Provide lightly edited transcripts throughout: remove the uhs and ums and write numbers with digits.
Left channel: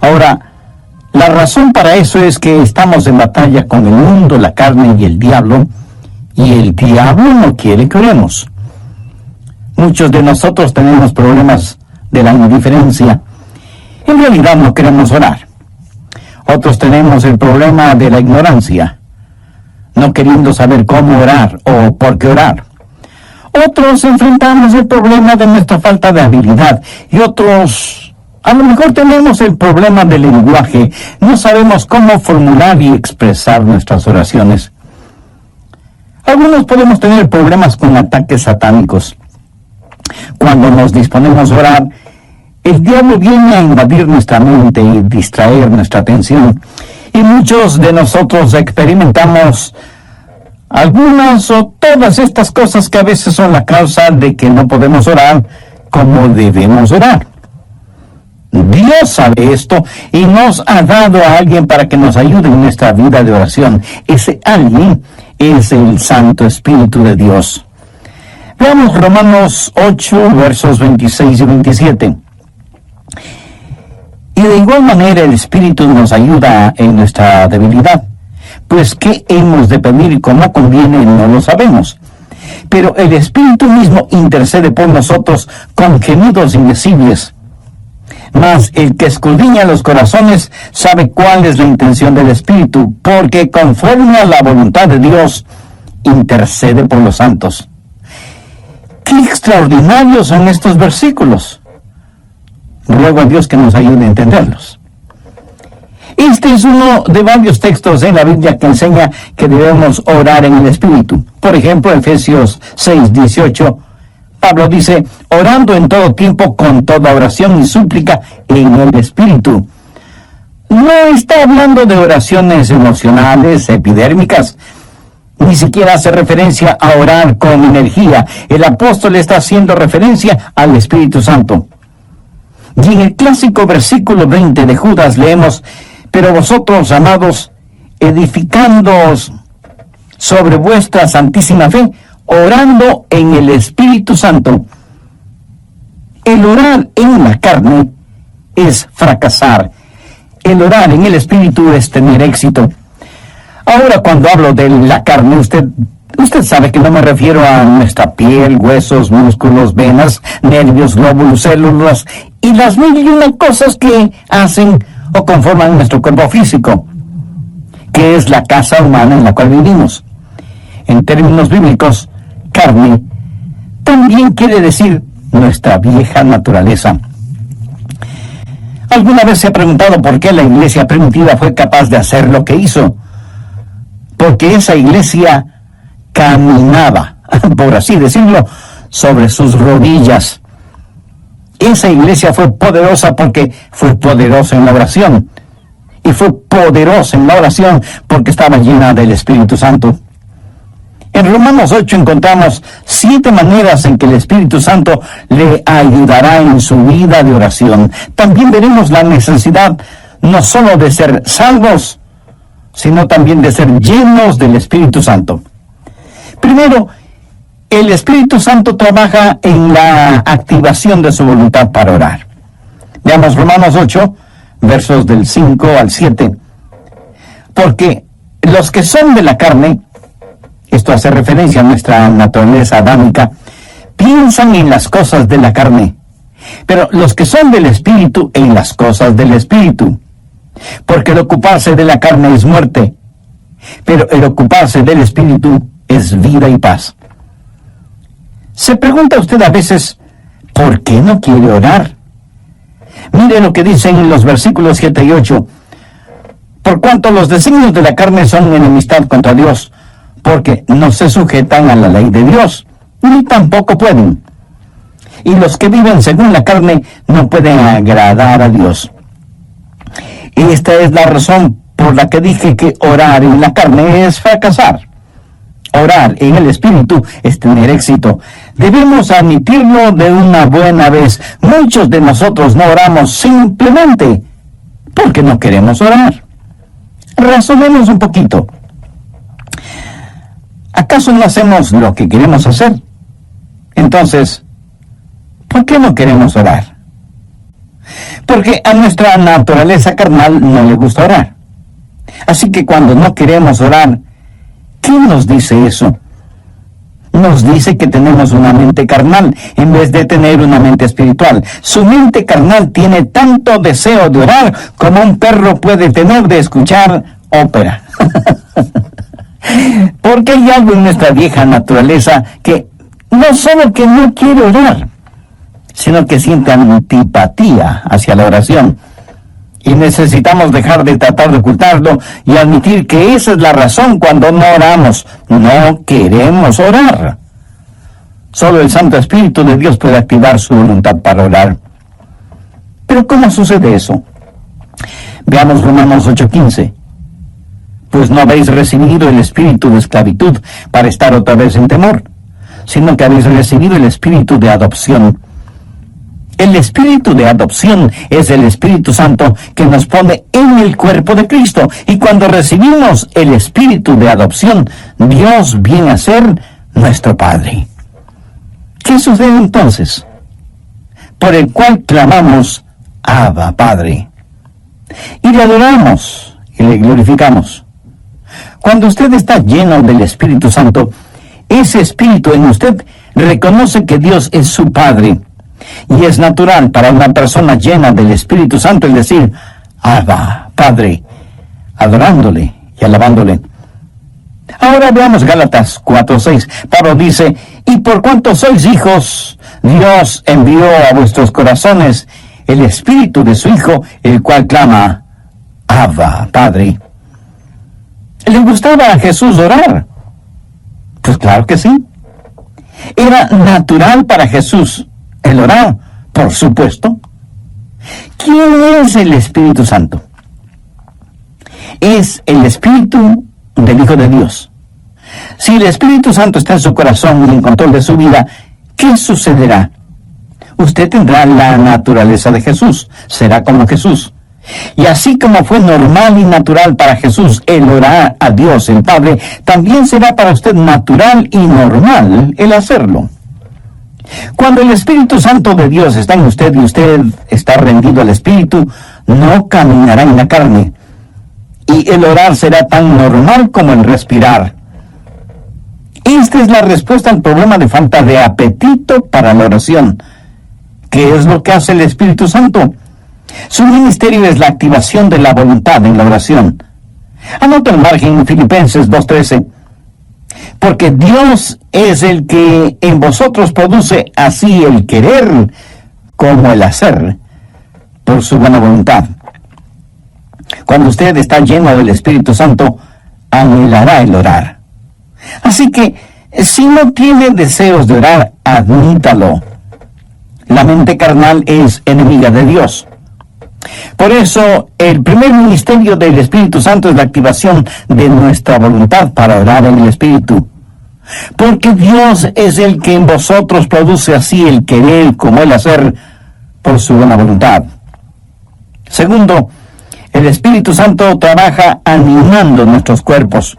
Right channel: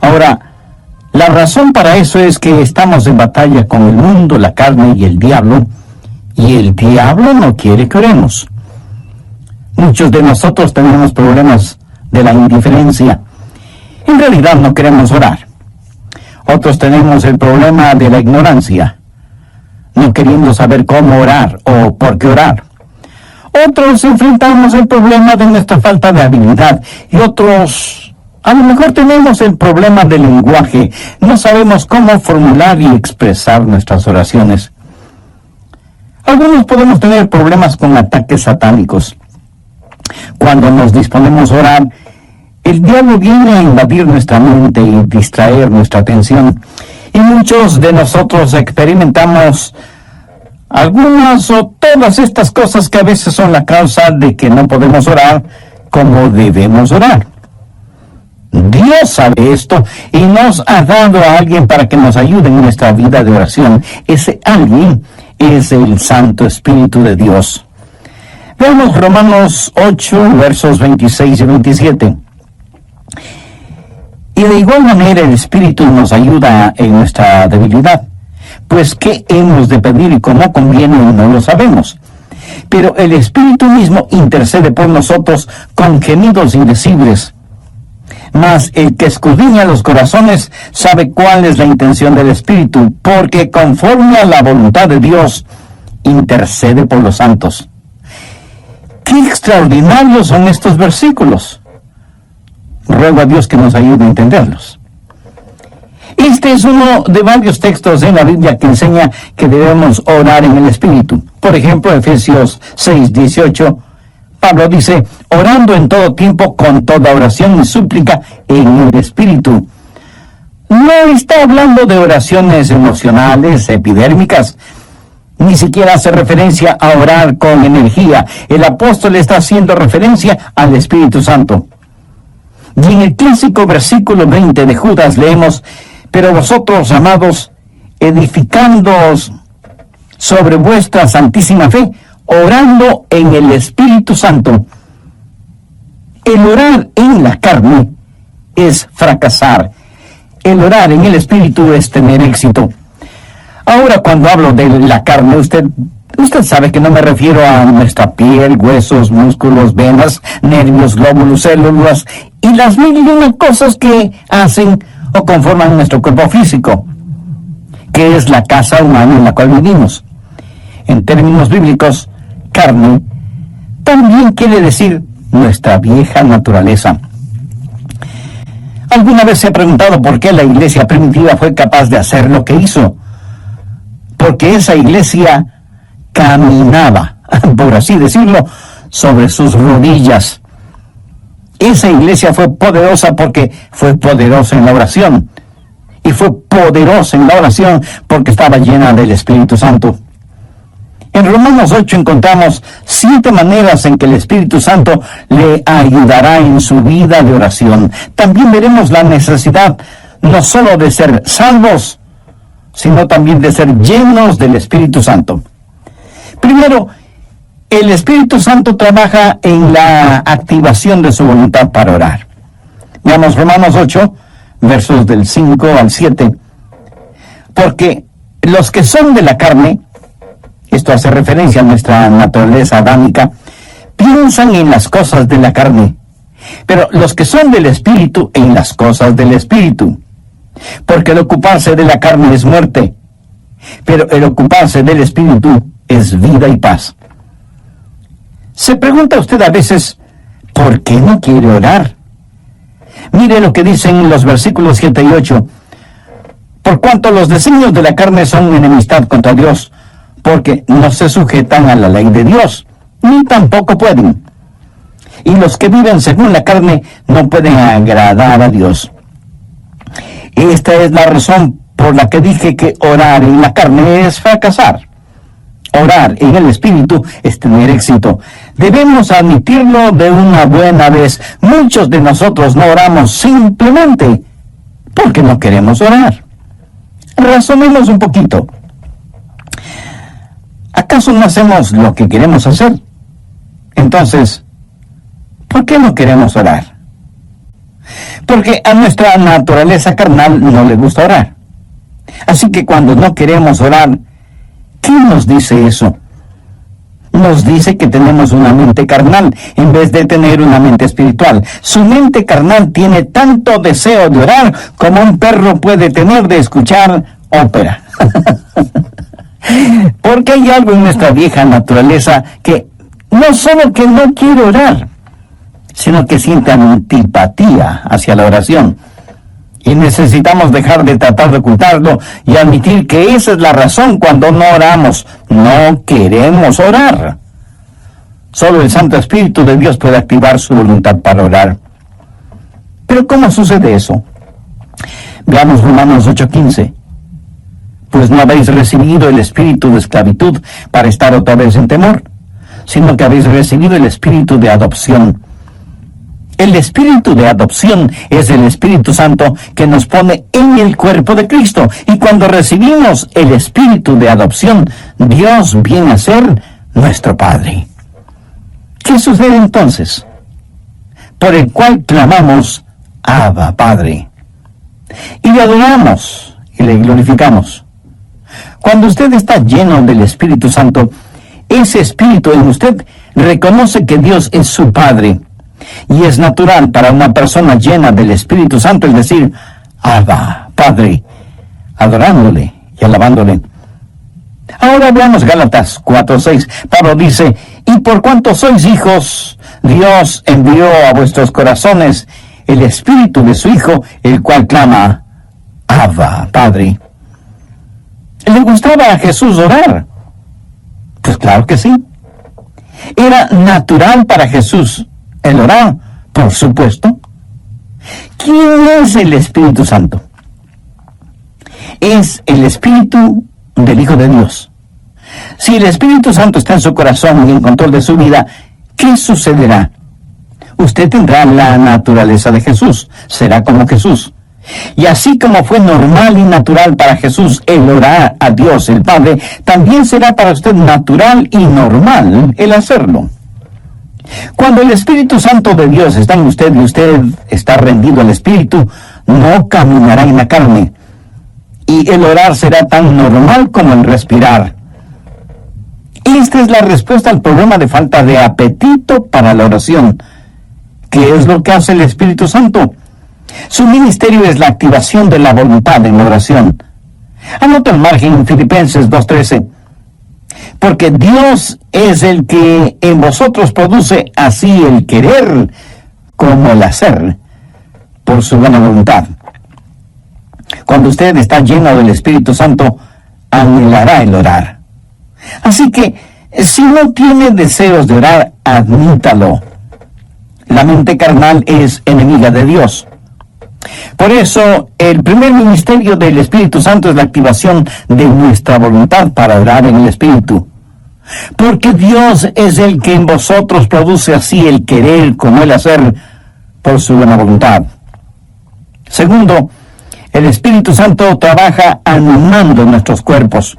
Ahora, la razón para eso es que estamos en batalla con el mundo, la carne y el diablo no quiere que oremos. Muchos de nosotros tenemos problemas de la indiferencia. En realidad no queremos orar. Otros tenemos el problema de la ignorancia, no queriendo saber cómo orar o por qué orar. Otros enfrentamos el problema de nuestra falta de habilidad y otros, a lo mejor tenemos el problema del lenguaje. No sabemos cómo formular y expresar nuestras oraciones. Algunos podemos tener problemas con ataques satánicos. Cuando nos disponemos a orar, el diablo viene a invadir nuestra mente y distraer nuestra atención. Y muchos de nosotros experimentamos algunas o todas estas cosas que a veces son la causa de que no podemos orar como debemos orar. Dios sabe esto y nos ha dado a alguien para que nos ayude en nuestra vida de oración. Ese alguien es el Santo Espíritu de Dios. Veamos Romanos 8, versos 26 y 27. Y de igual manera el Espíritu nos ayuda en nuestra debilidad, pues qué hemos de pedir y cómo conviene no lo sabemos. Pero el Espíritu mismo intercede por nosotros con gemidos indecibles. Mas el que escudriña los corazones sabe cuál es la intención del Espíritu, porque conforme a la voluntad de Dios intercede por los santos. ¡Qué extraordinarios son estos versículos! Ruego a Dios que nos ayude a entenderlos. Este es uno de varios textos en la Biblia que enseña que debemos orar en el Espíritu. Por ejemplo, Efesios 6, 18, Pablo dice, orando en todo tiempo con toda oración y súplica en el Espíritu. No está hablando de oraciones emocionales, epidérmicas, ni siquiera hace referencia a orar con energía. El apóstol está haciendo referencia al Espíritu Santo. Y en el clásico versículo 20 de Judas leemos, pero vosotros, amados, edificándoos sobre vuestra santísima fe, orando en el Espíritu Santo. El orar en la carne es fracasar. El orar en el Espíritu es tener éxito. Ahora, cuando hablo de la carne, usted sabe que no me refiero a nuestra piel, huesos, músculos, venas, nervios, glóbulos, células y las mil y una cosas que hacen o conforman nuestro cuerpo físico, que es la casa humana en la cual vivimos. En términos bíblicos, carne también quiere decir nuestra vieja naturaleza. ¿Alguna vez se ha preguntado por qué la iglesia primitiva fue capaz de hacer lo que hizo? Porque esa iglesia caminaba, por así decirlo, sobre sus rodillas. Esa iglesia fue poderosa porque fue poderosa en la oración. Y fue poderosa en la oración porque estaba llena del Espíritu Santo. En Romanos 8 encontramos 7 maneras en que el Espíritu Santo le ayudará en su vida de oración. También veremos la necesidad no solo de ser salvos, sino también de ser llenos del Espíritu Santo. Primero, el Espíritu Santo trabaja en la activación de su voluntad para orar. Veamos Romanos 8, versos del 5 al 7. Porque los que son de la carne, esto hace referencia a nuestra naturaleza adámica, piensan en las cosas de la carne, pero los que son del Espíritu en las cosas del Espíritu. Porque el ocuparse de la carne es muerte, pero el ocuparse del Espíritu es vida y paz. Se pregunta usted a veces, ¿por qué no quiere orar? Mire lo que dicen los versículos 7 y 8. Por cuanto los designios de la carne son enemistad contra Dios, porque no se sujetan a la ley de Dios, ni tampoco pueden. Y los que viven según la carne no pueden agradar a Dios. Esta es la razón por la que dije que orar en la carne es fracasar. Orar en el Espíritu es tener éxito. Debemos admitirlo de una buena vez. Muchos de nosotros no oramos simplemente porque no queremos orar. Razonemos un poquito. ¿Acaso no hacemos lo que queremos hacer? Entonces, ¿por qué no queremos orar? Porque a nuestra naturaleza carnal no le gusta orar. Así que cuando no queremos orar, ¿qué nos dice eso? Nos dice que tenemos una mente carnal en vez de tener una mente espiritual. Su mente carnal tiene tanto deseo de orar como un perro puede tener de escuchar ópera. Porque hay algo en nuestra vieja naturaleza que no solo que no quiere orar, sino que siente antipatía hacia la oración. Y necesitamos dejar de tratar de ocultarlo y admitir que esa es la razón cuando no oramos. No queremos orar. Solo el Santo Espíritu de Dios puede activar su voluntad para orar. Pero ¿cómo sucede eso? Veamos Romanos 8:15. Pues no habéis recibido el espíritu de esclavitud para estar otra vez en temor, sino que habéis recibido el espíritu de adopción. El espíritu de adopción es el Espíritu Santo que nos pone en el cuerpo de Cristo. Y cuando recibimos el espíritu de adopción, Dios viene a ser nuestro Padre. ¿Qué sucede entonces? Por el cual clamamos, Abba, Padre. Y le adoramos y le glorificamos. Cuando usted está lleno del Espíritu Santo, ese espíritu en usted reconoce que Dios es su Padre. Y es natural para una persona llena del Espíritu Santo el decir, Abba, Padre, adorándole y alabándole. Ahora veamos Gálatas 4:6. Pablo dice, y por cuanto sois hijos, Dios envió a vuestros corazones el Espíritu de su Hijo, el cual clama, Abba, Padre. ¿Le gustaba a Jesús orar? Pues claro que sí. Era natural para Jesús el orar, por supuesto. ¿Quién es el Espíritu Santo? Es el Espíritu del Hijo de Dios. Si el Espíritu Santo está en su corazón y en control de su vida, ¿qué sucederá? Usted tendrá la naturaleza de Jesús, será como Jesús. Y así como fue normal y natural para Jesús el orar a Dios el Padre, también será para usted natural y normal el hacerlo. Cuando el Espíritu Santo de Dios está en usted y usted está rendido al Espíritu, no caminará en la carne. Y el orar será tan normal como el respirar. Esta es la respuesta al problema de falta de apetito para la oración. ¿Qué es lo que hace el Espíritu Santo? Su ministerio es la activación de la voluntad en la oración. Anota al margen Filipenses 2:13. Porque Dios es el que en vosotros produce así el querer como el hacer por su buena voluntad. Cuando usted está lleno del Espíritu Santo, anhelará el orar. Así que, si no tiene deseos de orar, admítalo. La mente carnal es enemiga de Dios. Por eso, el primer ministerio del Espíritu Santo es la activación de nuestra voluntad para orar en el Espíritu. Porque Dios es el que en vosotros produce así el querer como el hacer por su buena voluntad. Segundo, el Espíritu Santo trabaja animando nuestros cuerpos.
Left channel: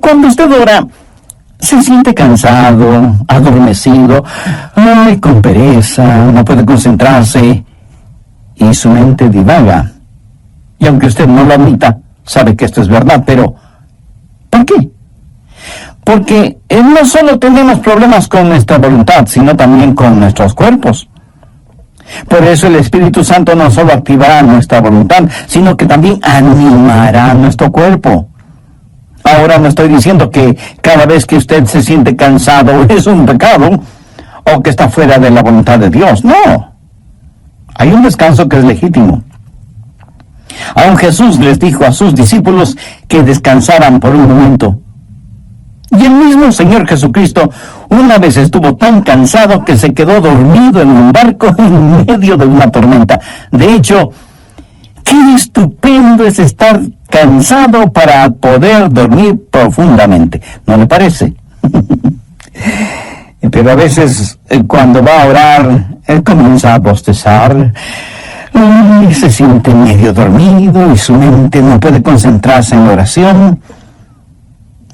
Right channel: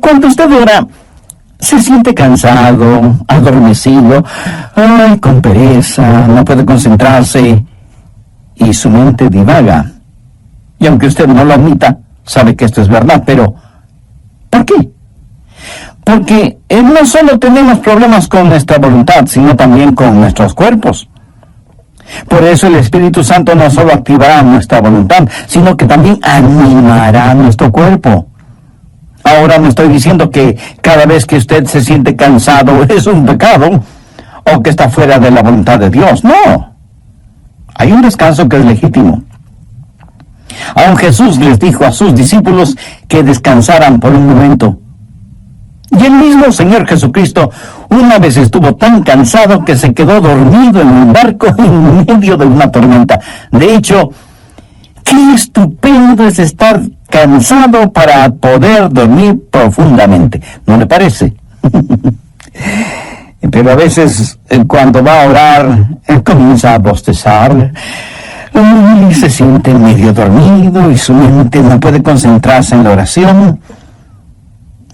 Cuando usted ora, se siente cansado, adormecido, con pereza, no puede concentrarse y su mente divaga. Y aunque usted no lo admita, sabe que esto es verdad, pero ¿por qué? Porque no solo tenemos problemas con nuestra voluntad, sino también con nuestros cuerpos. Por eso el Espíritu Santo no solo activará nuestra voluntad, sino que también animará nuestro cuerpo. Ahora no estoy diciendo que cada vez que usted se siente cansado es un pecado o que está fuera de la voluntad de Dios. No. Hay un descanso que es legítimo. Aún Jesús les dijo a sus discípulos que descansaran por un momento. Y el mismo Señor Jesucristo una vez estuvo tan cansado que se quedó dormido en un barco en medio de una tormenta. De hecho, qué estupendo es estar cansado para poder dormir profundamente, ¿no le parece? Pero a veces cuando va a orar, comienza a bostezar y se siente medio dormido y su mente no puede concentrarse en la oración.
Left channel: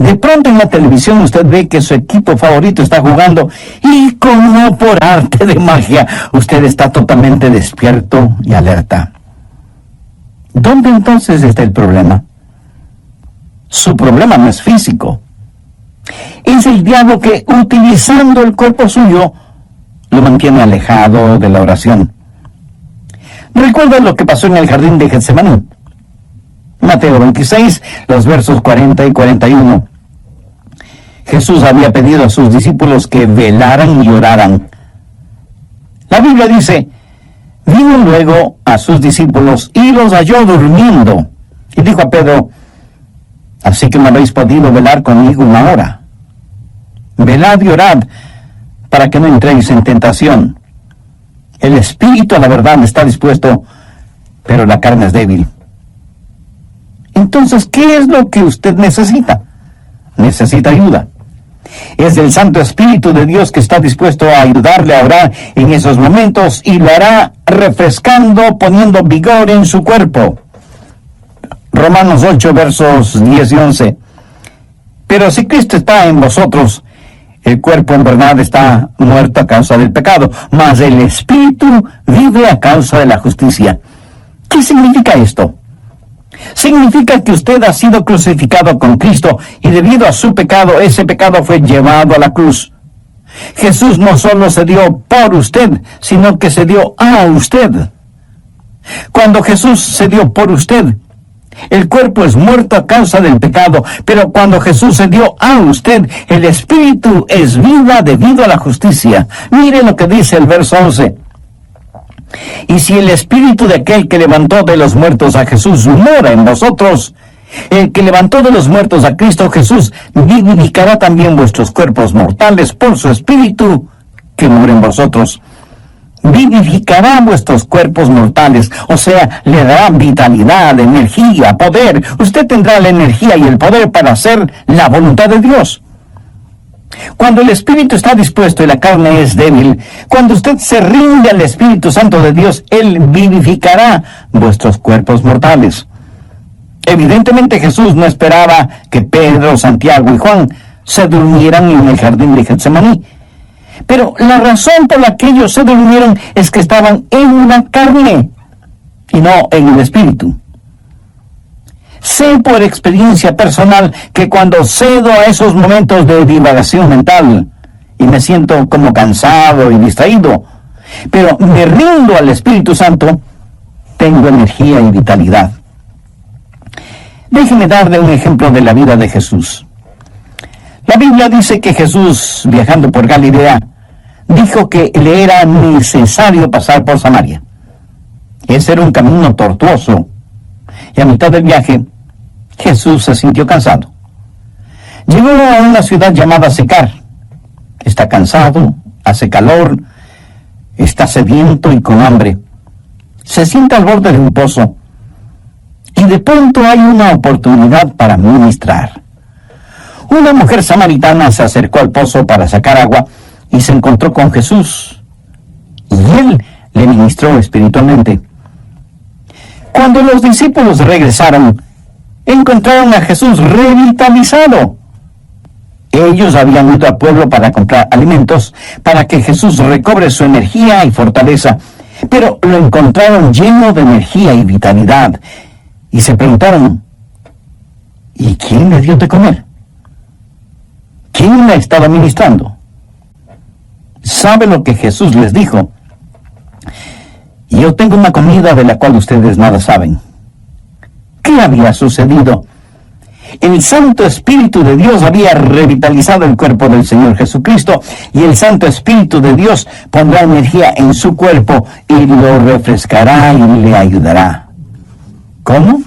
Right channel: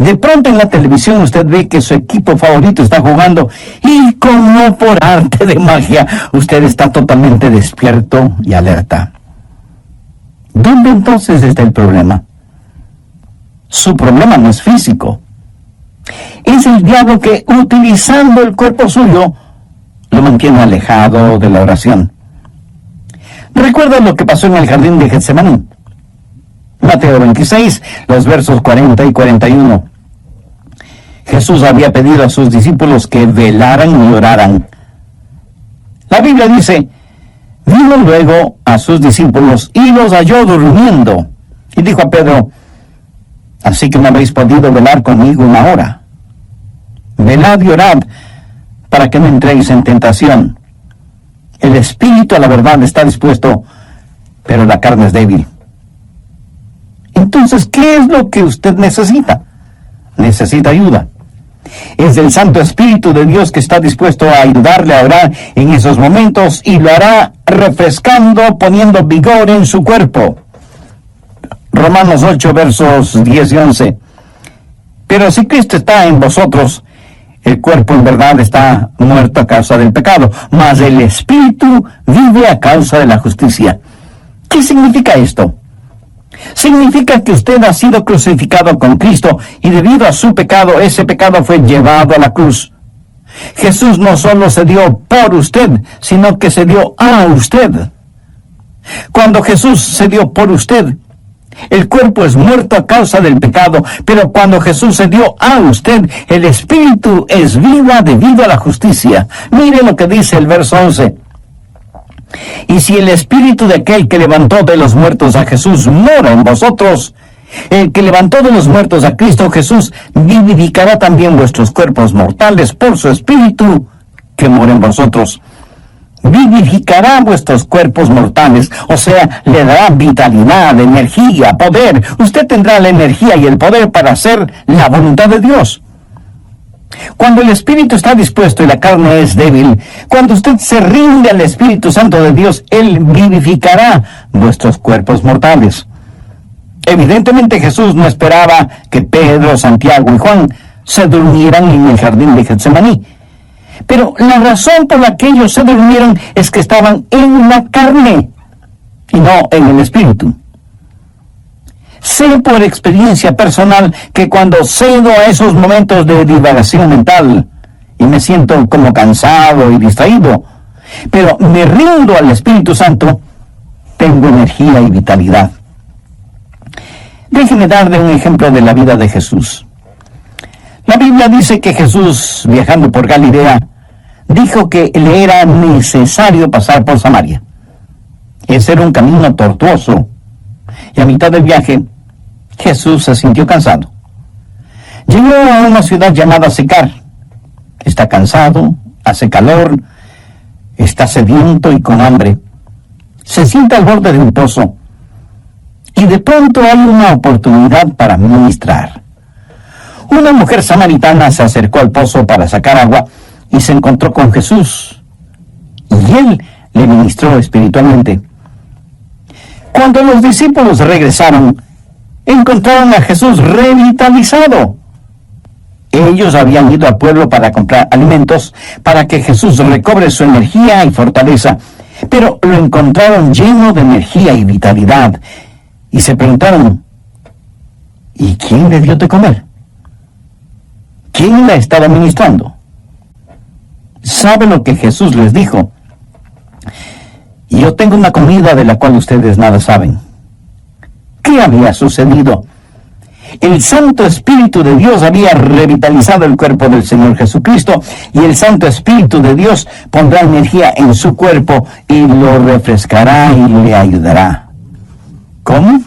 De pronto en la televisión usted ve que su equipo favorito está jugando y como por arte de magia, usted está totalmente despierto y alerta. ¿Dónde entonces está el problema? Su problema no es físico. Es el diablo que, utilizando el cuerpo suyo, lo mantiene alejado de la oración. ¿Recuerda lo que pasó en el jardín de Getsemaní? Mateo 26, los versos 40 y 41. Jesús había pedido a sus discípulos que velaran y oraran. La Biblia dice: vino luego a sus discípulos y los halló durmiendo. Y dijo a Pedro: así que no habéis podido velar conmigo una hora. Velad y orad, para que no entréis en tentación. El espíritu a la verdad está dispuesto, pero la carne es débil. Entonces, ¿qué es lo que usted necesita? Necesita ayuda. Es el Santo Espíritu de Dios que está dispuesto a ayudarle a orar en esos momentos y lo hará refrescando, poniendo vigor en su cuerpo. Romanos 8, versos 10 y 11. Pero si Cristo está en vosotros, el cuerpo en verdad está muerto a causa del pecado, mas el Espíritu vive a causa de la justicia. ¿Qué significa esto? Significa que usted ha sido crucificado con Cristo y debido a su pecado, ese pecado fue llevado a la cruz. Jesús no solo se dio por usted, sino que se dio a usted. Cuando Jesús se dio por usted, el cuerpo es muerto a causa del pecado, pero cuando Jesús se dio a usted, el Espíritu es vida debido a la justicia. Mire lo que dice el verso 11. Y si el Espíritu de aquel que levantó de los muertos a Jesús mora en vosotros, el que levantó de los muertos a Cristo Jesús vivificará también vuestros cuerpos mortales por su Espíritu que mora en vosotros. Vivificará vuestros cuerpos mortales, o sea, le dará vitalidad, energía, poder. Usted tendrá la energía y el poder para hacer la voluntad de Dios. Cuando el Espíritu está dispuesto y la carne es débil, cuando usted se rinde al Espíritu Santo de Dios, Él vivificará vuestros cuerpos mortales. Evidentemente Jesús no esperaba que Pedro, Santiago y Juan se durmieran en el jardín de Getsemaní. Pero la razón por la que ellos se durmieron es que estaban en la carne y no en el Espíritu. Sé por experiencia personal que cuando cedo a esos momentos de divagación mental y me siento como cansado y distraído, pero me rindo al Espíritu Santo, tengo energía y vitalidad. Déjeme darle un ejemplo de la vida de Jesús. La Biblia dice que Jesús, viajando por Galilea, dijo que le era necesario pasar por Samaria. Ese era un camino tortuoso, y a mitad del viaje, Jesús se sintió cansado. Llegó a una ciudad llamada Sicar. Está cansado, hace calor, está sediento y con hambre. Se sienta al borde de un pozo, y de pronto hay una oportunidad para ministrar. Una mujer samaritana se acercó al pozo para sacar agua y se encontró con Jesús, y Él le ministró espiritualmente. Cuando los discípulos regresaron, encontraron a Jesús revitalizado. Ellos habían ido al pueblo para comprar alimentos, para que Jesús recobre su energía y fortaleza, pero lo encontraron lleno de energía y vitalidad, y se preguntaron: ¿y quién le dio de comer? ¿Quién le estaba ministrando? ¿Sabe lo que Jesús les dijo? Yo tengo una comida de la cual ustedes nada saben. ¿Qué había sucedido? El Santo Espíritu de Dios había revitalizado el cuerpo del Señor Jesucristo, y el Santo Espíritu de Dios pondrá energía en su cuerpo y lo refrescará y le ayudará. ¿Cómo?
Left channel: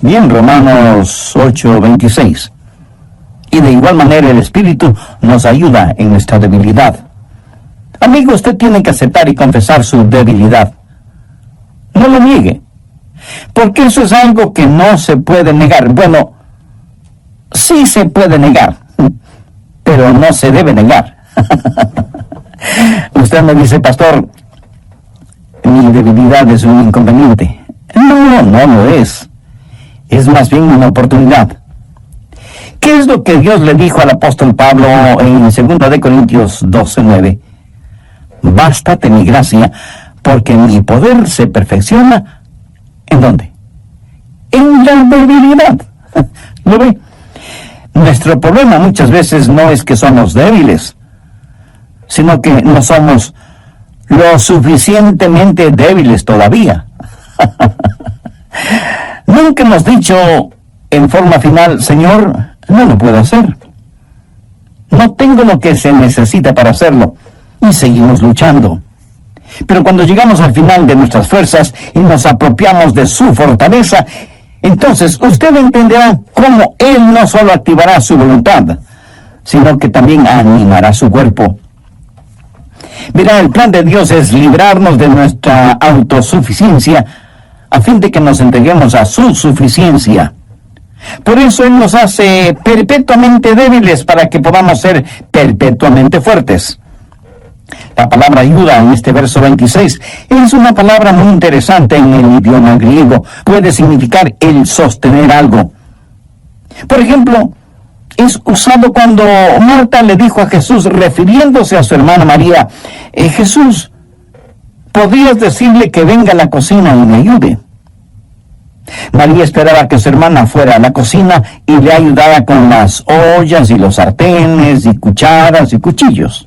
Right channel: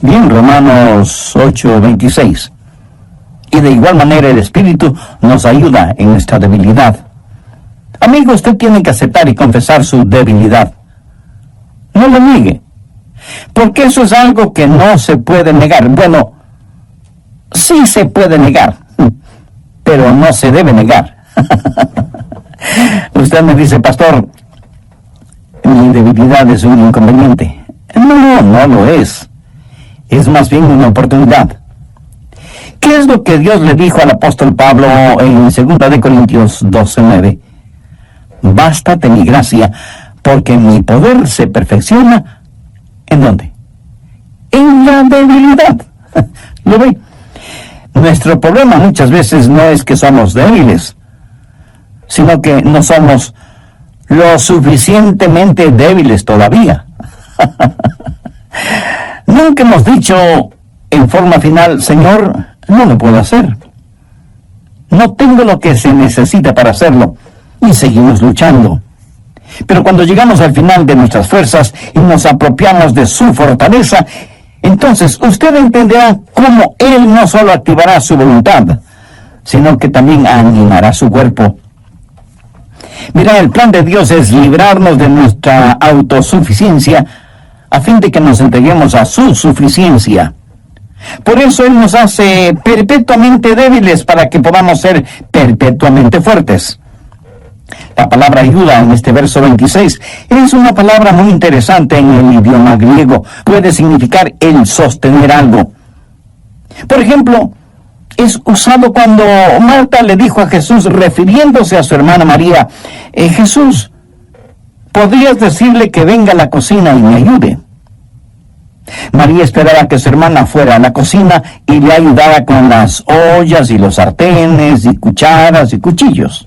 Bien, Romanos 8:26. Y de igual manera el Espíritu nos ayuda en nuestra debilidad. Amigo, usted tiene que aceptar y confesar su debilidad. No lo niegue, porque eso es algo que no se puede negar. Bueno, sí se puede negar, pero no se debe negar. Usted me dice: pastor, mi debilidad es un inconveniente. No, no lo es. Es más bien una oportunidad. ¿Qué es lo que Dios le dijo al apóstol Pablo en 2 de Corintios 12:9? Bástate mi gracia, porque mi poder se perfecciona, ¿en dónde? En la debilidad. ¿Lo ve? Nuestro problema muchas veces no es que somos débiles, sino que no somos lo suficientemente débiles todavía. Nunca hemos dicho en forma final, Señor, no lo puedo hacer. No tengo lo que se necesita para hacerlo. Y seguimos luchando. Pero cuando llegamos al final de nuestras fuerzas y nos apropiamos de su fortaleza, entonces usted entenderá cómo Él no solo activará su voluntad, sino que también animará su cuerpo. Mira, el plan de Dios es librarnos de nuestra autosuficiencia a fin de que nos entreguemos a su suficiencia. Por eso Él nos hace perpetuamente débiles para que podamos ser perpetuamente fuertes. La palabra ayuda en este verso 26 es una palabra muy interesante en el idioma griego. Puede significar el sostener algo. Por ejemplo, es usado cuando Marta le dijo a Jesús, refiriéndose a su hermana María, Jesús, ¿podrías decirle que venga a la cocina y me ayude? María esperaba que su hermana fuera a la cocina y le ayudara con las ollas y los sartenes y cucharas y cuchillos.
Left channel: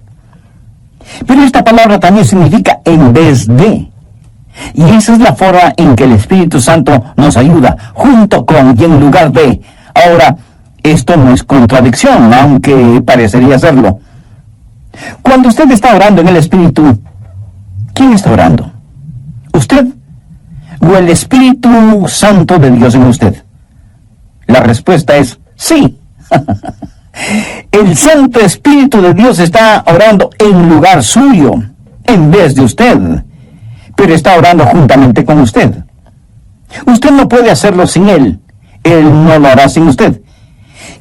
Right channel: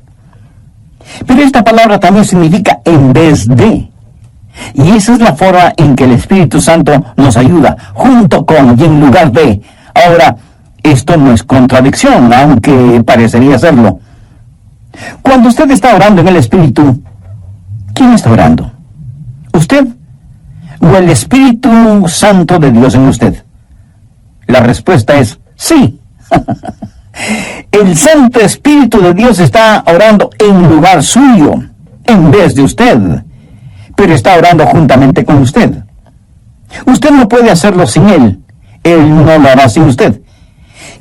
Pero esta palabra también significa en vez de. Y esa es la forma en que el Espíritu Santo nos ayuda, junto con y en lugar de. Ahora, esto no es contradicción, aunque parecería serlo. Cuando usted está orando en el Espíritu, ¿quién está orando? ¿Usted o el Espíritu Santo de Dios en usted? La respuesta es sí. El Santo Espíritu de Dios está orando en lugar suyo, en vez de usted, pero está orando juntamente con usted. Usted no puede hacerlo sin Él. Él no lo hará sin usted.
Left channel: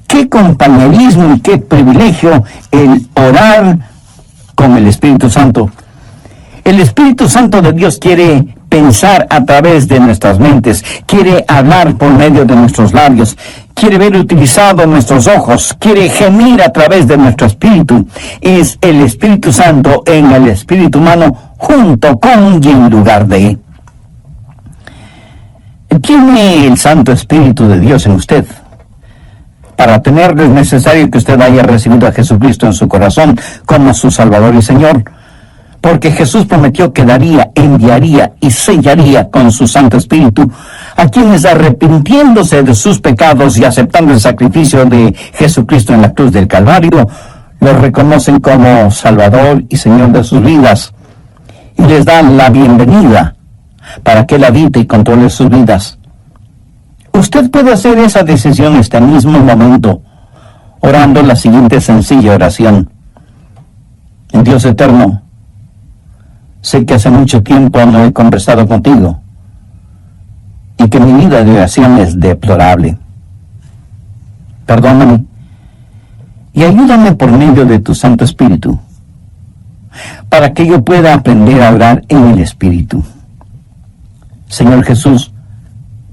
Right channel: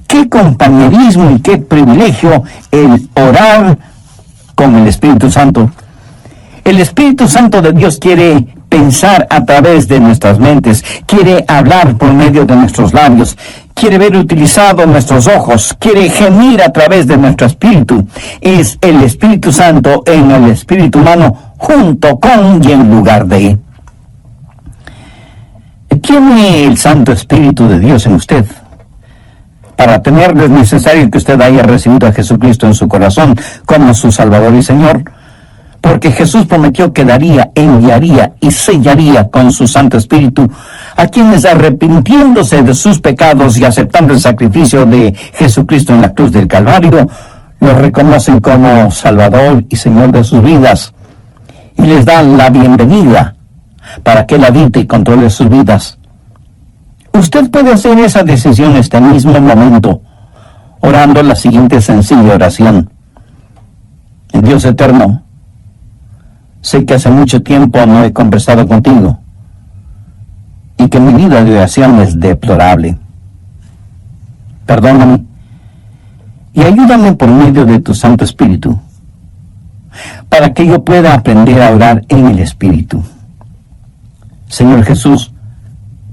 Qué compañerismo y qué privilegio el orar con el Espíritu Santo. El Espíritu Santo de Dios quiere pensar a través de nuestras mentes, quiere hablar por medio de nuestros labios, quiere ver utilizados nuestros ojos, quiere gemir a través de nuestro espíritu. Es el Espíritu Santo en el espíritu humano, junto con y en lugar de. ¿Tiene el Santo Espíritu de Dios en usted? Para tenerlo es necesario que usted haya recibido a Jesucristo en su corazón como su Salvador y Señor, porque Jesús prometió que daría, enviaría y sellaría con su Santo Espíritu a quienes, arrepintiéndose de sus pecados y aceptando el sacrificio de Jesucristo en la cruz del Calvario, lo reconocen como Salvador y Señor de sus vidas y les dan la bienvenida para que Él habite y controle sus vidas. Usted puede hacer esa decisión este mismo momento, orando la siguiente sencilla oración. Dios eterno, sé que hace mucho tiempo no he conversado contigo y que mi vida de oración es deplorable. Perdóname y ayúdame por medio de tu Santo Espíritu para que yo pueda aprender a orar en el Espíritu. Señor Jesús,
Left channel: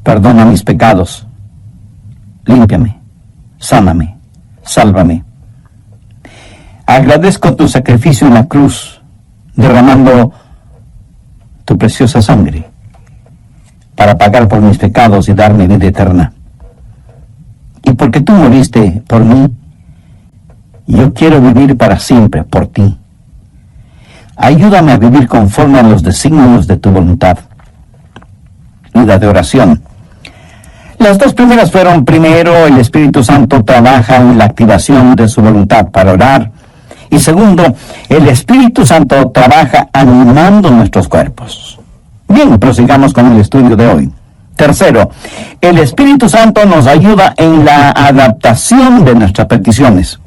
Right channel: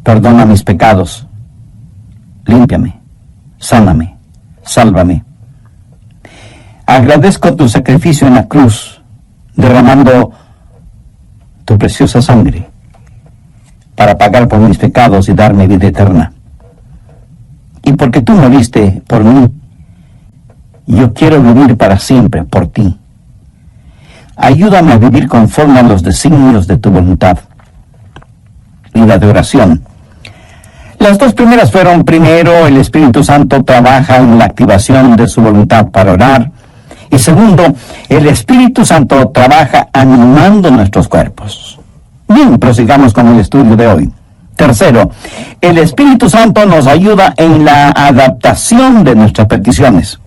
perdona mis pecados, límpiame, sáname, sálvame. Agradezco tu sacrificio en la cruz, derramando tu preciosa sangre para pagar por mis pecados y darme vida eterna. Y porque tú moriste por mí, yo quiero vivir para siempre por ti. Ayúdame a vivir conforme a los designios de tu voluntad. Vida de oración. Las dos primeras fueron: primero, el Espíritu Santo trabaja en la activación de su voluntad para orar, y segundo, el Espíritu Santo trabaja animando nuestros cuerpos. Bien, prosigamos con el estudio de hoy. Tercero, el Espíritu Santo nos ayuda en la adaptación de nuestras peticiones.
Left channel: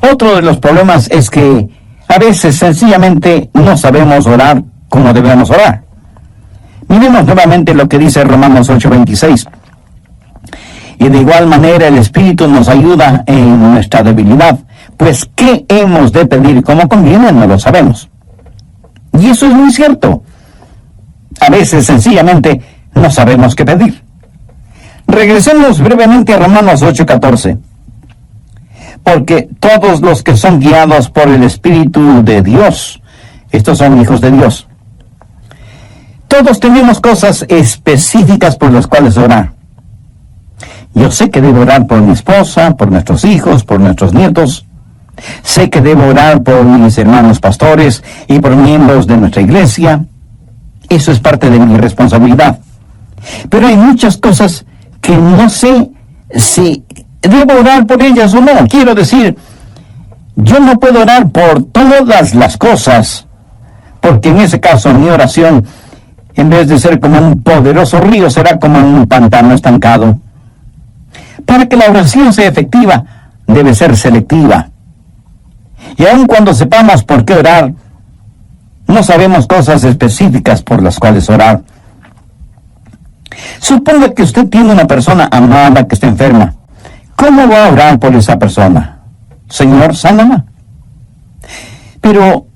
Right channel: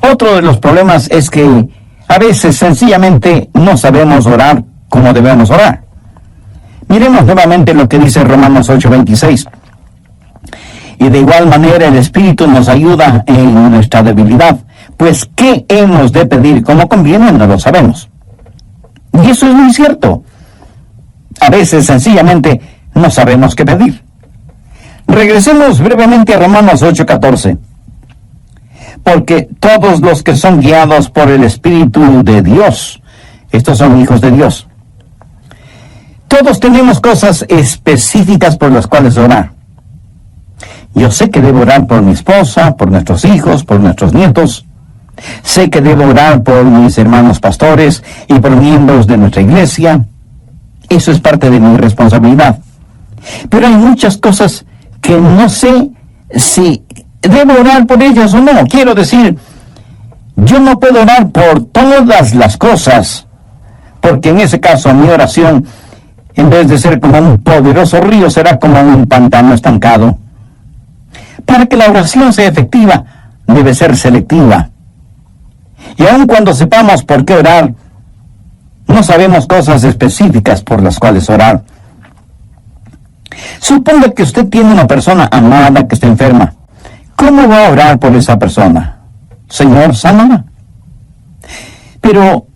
Otro de los problemas es que a veces sencillamente no sabemos orar como debemos orar. Miremos nuevamente lo que dice Romanos 8:26. Y de igual manera el Espíritu nos ayuda en nuestra debilidad, pues ¿qué hemos de pedir como conviene? No lo sabemos. Y eso es muy cierto. A veces sencillamente no sabemos qué pedir. Regresemos brevemente a Romanos 8:14. porque todos los que son guiados por el Espíritu de Dios, estos son hijos de Dios. Todos tenemos cosas específicas por las cuales orar. Yo sé que debo orar por mi esposa, por nuestros hijos, por nuestros nietos. Sé que debo orar por mis hermanos pastores y por miembros de nuestra iglesia. Eso es parte de mi responsabilidad. Pero hay muchas cosas que no sé si debo orar por ellas o no. Quiero decir, yo no puedo orar por todas las cosas, porque en ese caso mi oración, en vez de ser como un poderoso río, será como un pantano estancado. Para que la oración sea efectiva, debe ser selectiva. Y aun cuando sepamos por qué orar, no sabemos cosas específicas por las cuales orar. Suponga que usted tiene una persona amada que está enferma. ¿Cómo va a orar por esa persona? Señor, sánala. Pero,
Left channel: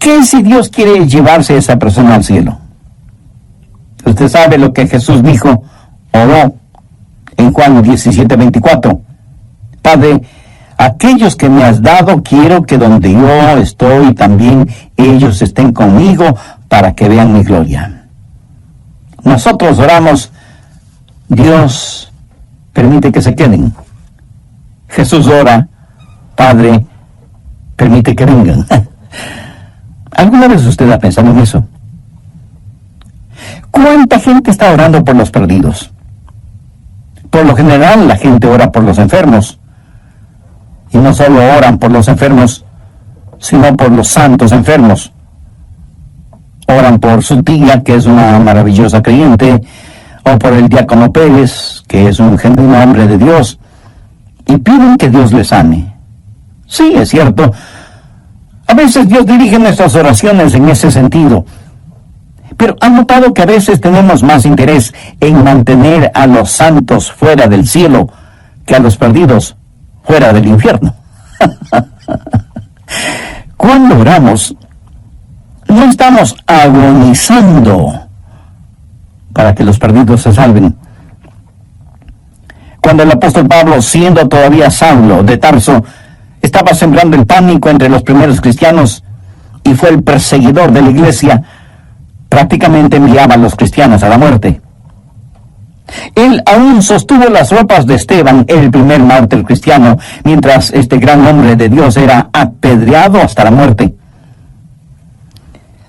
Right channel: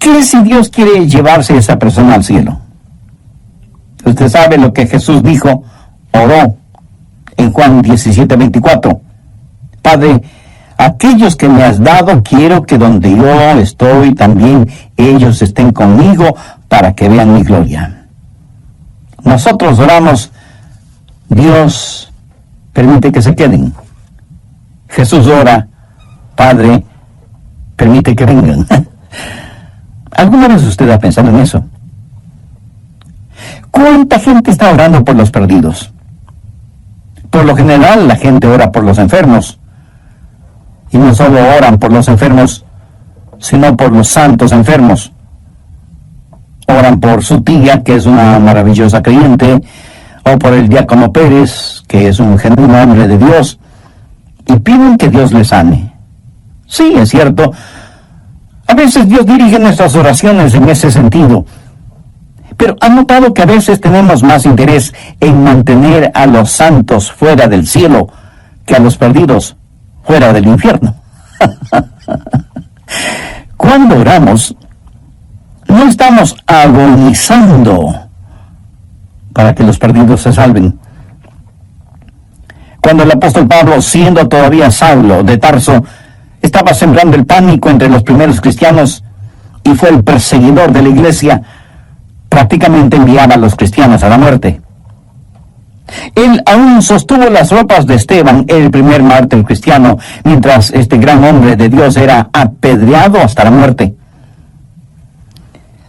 ¿qué si Dios quiere llevarse a esa persona al cielo? Usted sabe lo que Jesús dijo, oró en Juan 17:24. Padre, aquellos que me has dado, quiero que donde yo estoy también ellos estén conmigo para que vean mi gloria. Nosotros oramos, Dios permite que se queden. Jesús ora, Padre, permite que vengan. ¿Alguna vez usted ha pensado en eso? ¿Cuánta gente está orando por los perdidos? Por lo general, la gente ora por los enfermos. Y no solo oran por los enfermos, sino por los santos enfermos. Oran por su tía, que es una maravillosa creyente, o por el diácono Pérez, que es un genuino hombre de Dios, y piden que Dios les sane. Sí, es cierto. A veces Dios dirige nuestras oraciones en ese sentido. Pero ¿han notado que a veces tenemos más interés en mantener a los santos fuera del cielo que a los perdidos fuera del infierno? Cuando oramos, no estamos agonizando para que los perdidos se salven. Cuando el apóstol Pablo, siendo todavía Saulo de Tarso, estaba sembrando el pánico entre los primeros cristianos y fue el perseguidor de la iglesia, prácticamente enviaba a los cristianos a la muerte. Él aún sostuvo las ropas de Esteban, el primer mártir cristiano, mientras este gran hombre de Dios era apedreado hasta la muerte.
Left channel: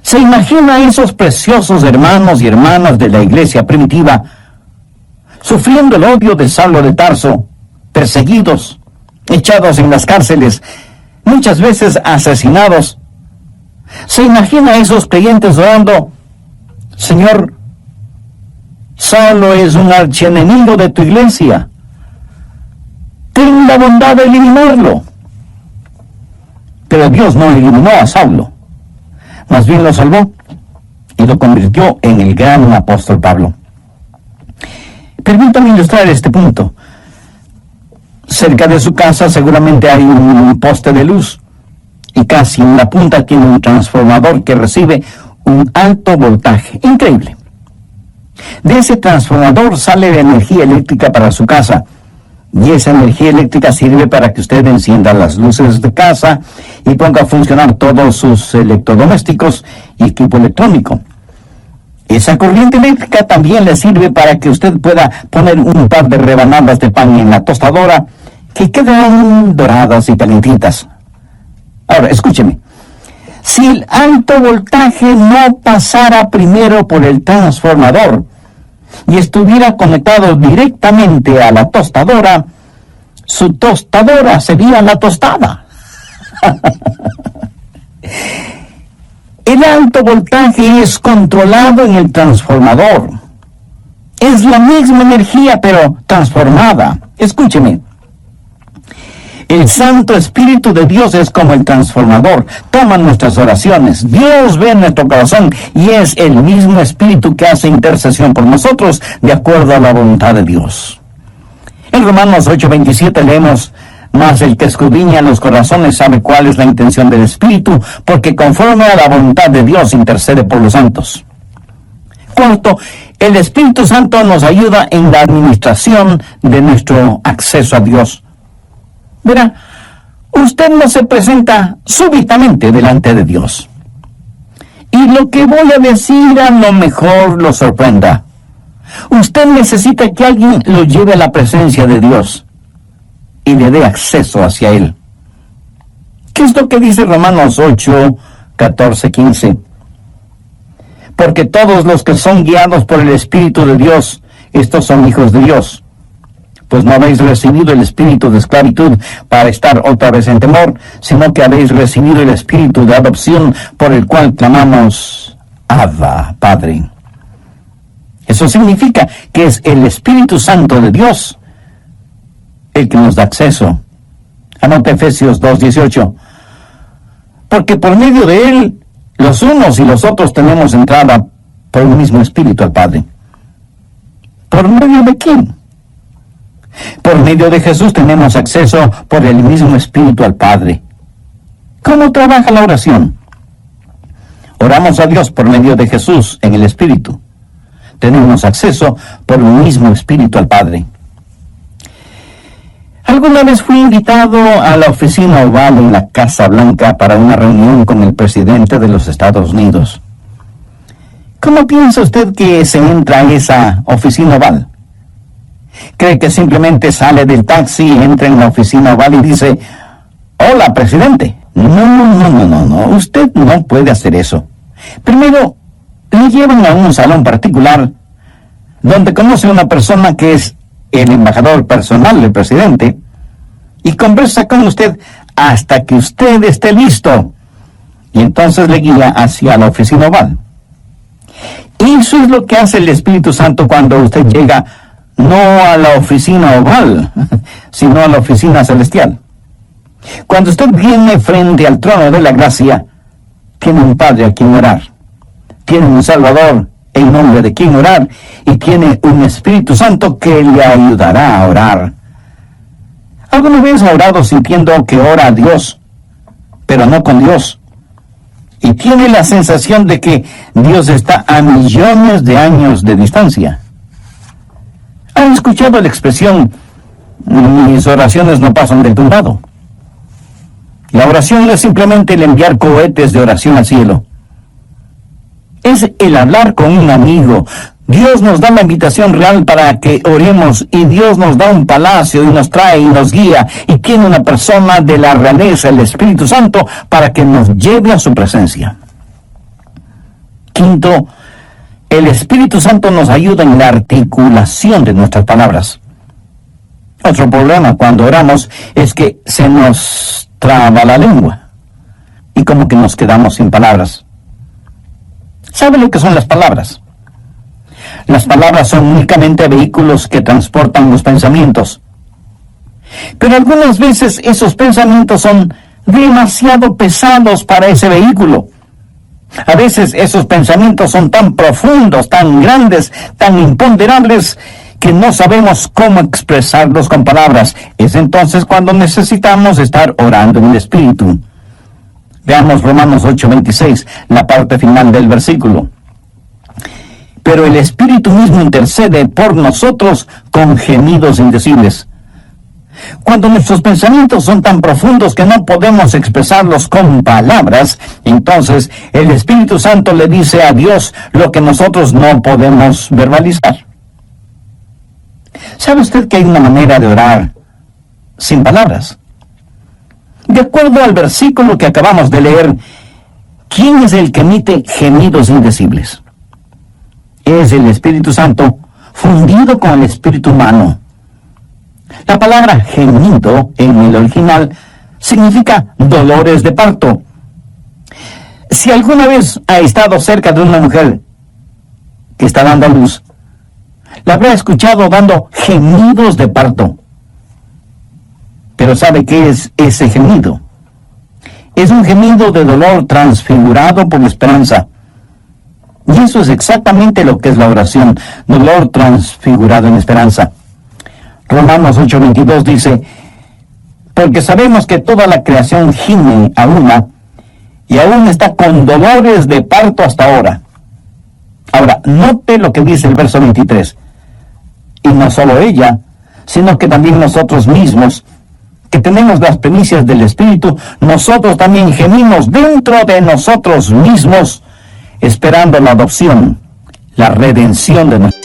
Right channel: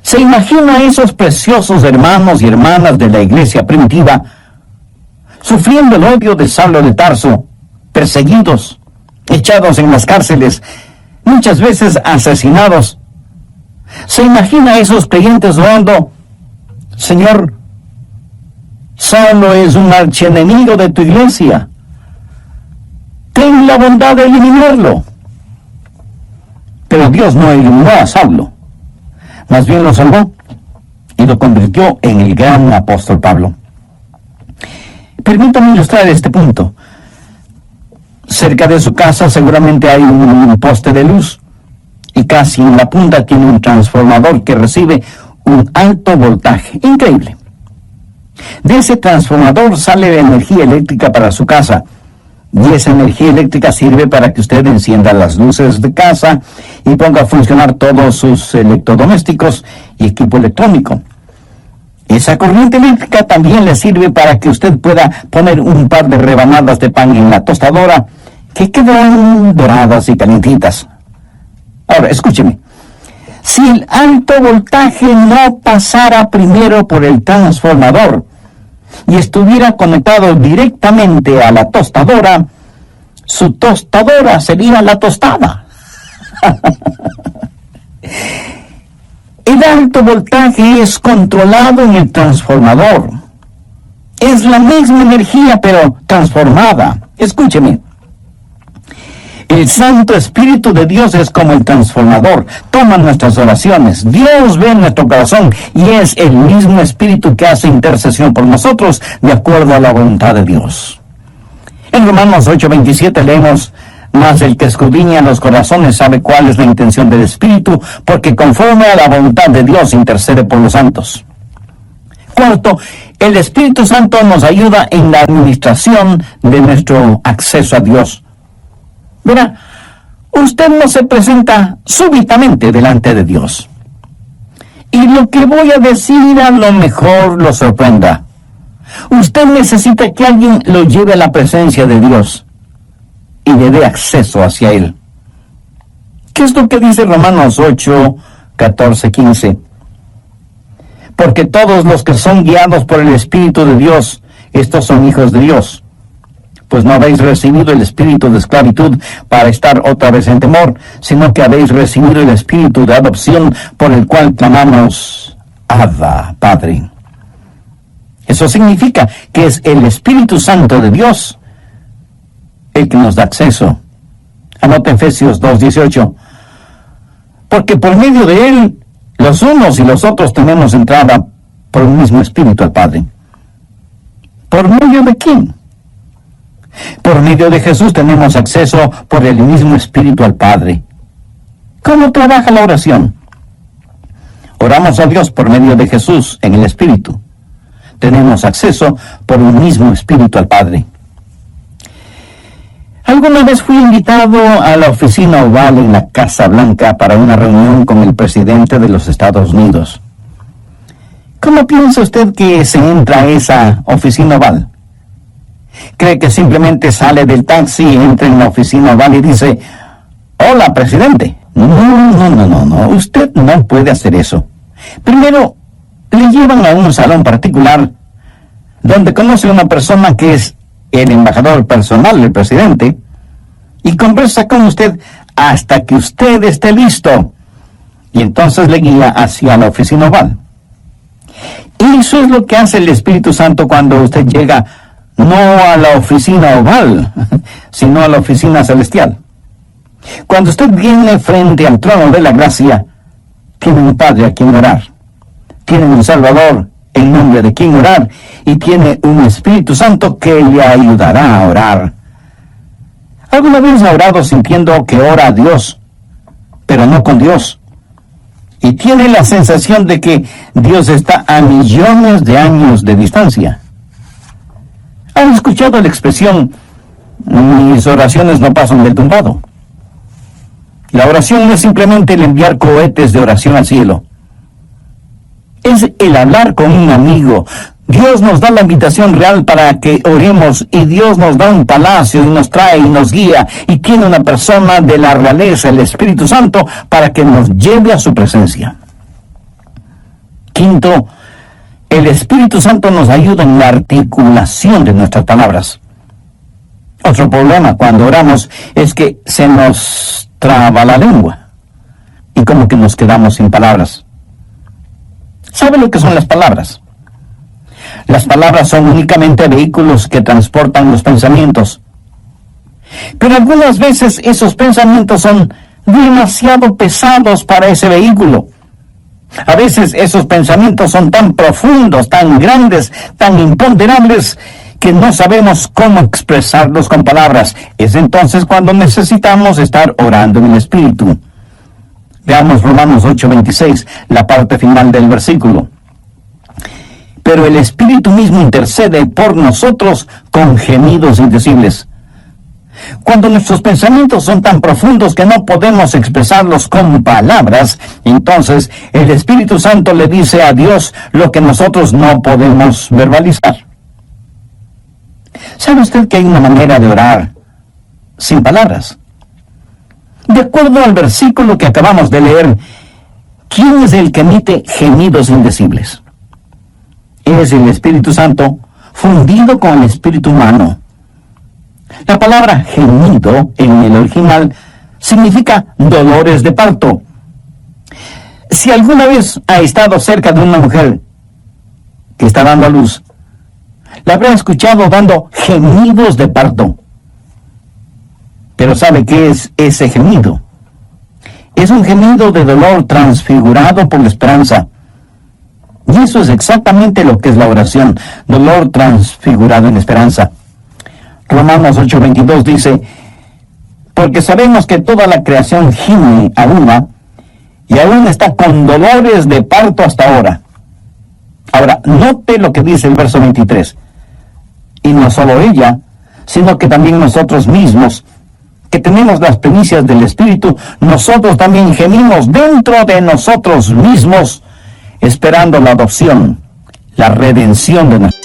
¿Se imagina a esos preciosos hermanos y hermanas de la iglesia primitiva sufriendo el odio de Saulo de Tarso, perseguidos, echados en las cárceles, muchas veces asesinados? ¿Se imagina a esos creyentes orando, Señor, Saulo es un archienemigo de tu iglesia, ten la bondad de eliminarlo? Pero Dios no eliminó a Saulo, más bien lo salvó y lo convirtió en el gran apóstol Pablo. Permítame ilustrar este punto. Cerca de su casa seguramente hay un poste de luz y casi en la punta tiene un transformador que recibe un alto voltaje. Increíble. De ese transformador sale la energía eléctrica para su casa, y esa energía eléctrica sirve para que usted encienda las luces de casa y ponga a funcionar todos sus electrodomésticos y equipo electrónico. Esa corriente eléctrica también le sirve para que usted pueda poner un par de rebanadas de pan en la tostadora que quedarán doradas y calentitas. Ahora, escúcheme. Si el alto voltaje no pasara primero por el transformador y estuviera conectado directamente a la tostadora, su tostadora sería la tostada. El alto voltaje es controlado en el transformador. Es la misma energía, pero transformada. Escúcheme. El Santo Espíritu de Dios es como el transformador. Toma nuestras oraciones. Dios ve nuestro corazón y es el mismo Espíritu que hace intercesión por nosotros de acuerdo a la voluntad de Dios. En Romanos 8:27 leemos, mas el que escudriña los corazones sabe cuál es la intención del Espíritu, porque conforme a la voluntad de Dios intercede por los santos. Cuarto, el Espíritu Santo nos ayuda en la administración de nuestro acceso a Dios. Verá, usted no se presenta súbitamente delante de Dios. Y lo que voy a decir a lo mejor lo sorprenda. Usted necesita que alguien lo lleve a la presencia de Dios y le dé acceso hacia Él. ¿Qué es lo que dice Romanos 8, 14, 15? Porque todos los que son guiados por el Espíritu de Dios, estos son hijos de Dios. Pues no habéis recibido el espíritu de esclavitud para estar otra vez en temor, sino que habéis recibido el espíritu de adopción por el cual clamamos, Abba, Padre. Eso significa que es el Espíritu Santo de Dios el que nos da acceso. Anota Efesios 2:18. Porque por medio de Él, los unos y los otros tenemos entrada por un mismo Espíritu al Padre. ¿Por medio de quién? Por medio de Jesús tenemos acceso por el mismo Espíritu al Padre. ¿Cómo trabaja la oración? Oramos a Dios por medio de Jesús en el Espíritu. Tenemos acceso por un mismo Espíritu al Padre. Alguna vez fui invitado a la oficina oval en la Casa Blanca para una reunión con el presidente de los Estados Unidos. ¿Cómo piensa usted que se entra a esa oficina oval? ¿Cree que simplemente sale del taxi, entra en la oficina oval y dice, hola, presidente? No, usted no puede hacer eso. Primero, le llevan a un salón particular donde conoce a una persona que es el embajador personal del presidente y conversa con usted hasta que usted esté listo. Y entonces le guía hacia la oficina oval. Y eso es lo que hace el Espíritu Santo cuando usted llega no a la oficina oval, sino a la oficina celestial. Cuando usted viene frente al trono de la gracia, tiene un Padre a quien orar, tiene un Salvador en nombre de quien orar, y tiene un Espíritu Santo que le ayudará a orar. ¿Alguna vez ha orado sintiendo que ora a Dios, pero no con Dios? Y tiene la sensación de que Dios está a millones de años de distancia. ¿Han escuchado la expresión, mis oraciones no pasan del tumbado? La oración no es simplemente el enviar cohetes de oración al cielo. Es el hablar con un amigo. Dios nos da la invitación real para que oremos, y Dios nos da un palacio y nos trae y nos guía, y tiene una persona de la realeza, el Espíritu Santo, para que nos lleve a su presencia. Quinto, el Espíritu Santo nos ayuda en la articulación de nuestras palabras. Otro problema cuando oramos es que se nos traba la lengua y como que nos quedamos sin palabras. ¿Sabe lo que son las palabras? Las palabras son únicamente vehículos que transportan los pensamientos. Pero algunas veces esos pensamientos son demasiado pesados para ese vehículo. A veces esos pensamientos son tan profundos, tan grandes, tan imponderables, que no sabemos cómo expresarlos con palabras. Es entonces cuando necesitamos estar orando en el Espíritu. Veamos Romanos 8:26, la parte final del versículo. Pero el Espíritu mismo intercede por nosotros con gemidos indecibles. Cuando nuestros pensamientos son tan profundos que no podemos expresarlos con palabras, entonces el Espíritu Santo le dice a Dios lo que nosotros no podemos verbalizar. ¿Sabe usted que hay una manera de orar sin palabras? De acuerdo al versículo que acabamos de leer, ¿quién es el que emite gemidos indecibles? Es el Espíritu Santo fundido con el espíritu humano. La palabra gemido en el original significa dolores de parto. Si alguna vez ha estado cerca de una mujer que está dando a luz, la habrá escuchado dando gemidos de parto. Pero ¿sabe qué es ese gemido? Es un gemido de dolor transfigurado por la esperanza. Y eso es exactamente lo que es la oración, dolor transfigurado en esperanza. Romanos 8:22 dice, porque sabemos que toda la creación gime a una, y aún está con dolores de parto hasta ahora. Ahora, note lo que dice el verso 23. Y no solo ella, sino que también nosotros mismos, que tenemos las primicias del Espíritu, nosotros también gemimos dentro de nosotros mismos, esperando la adopción, la redención de nuestro.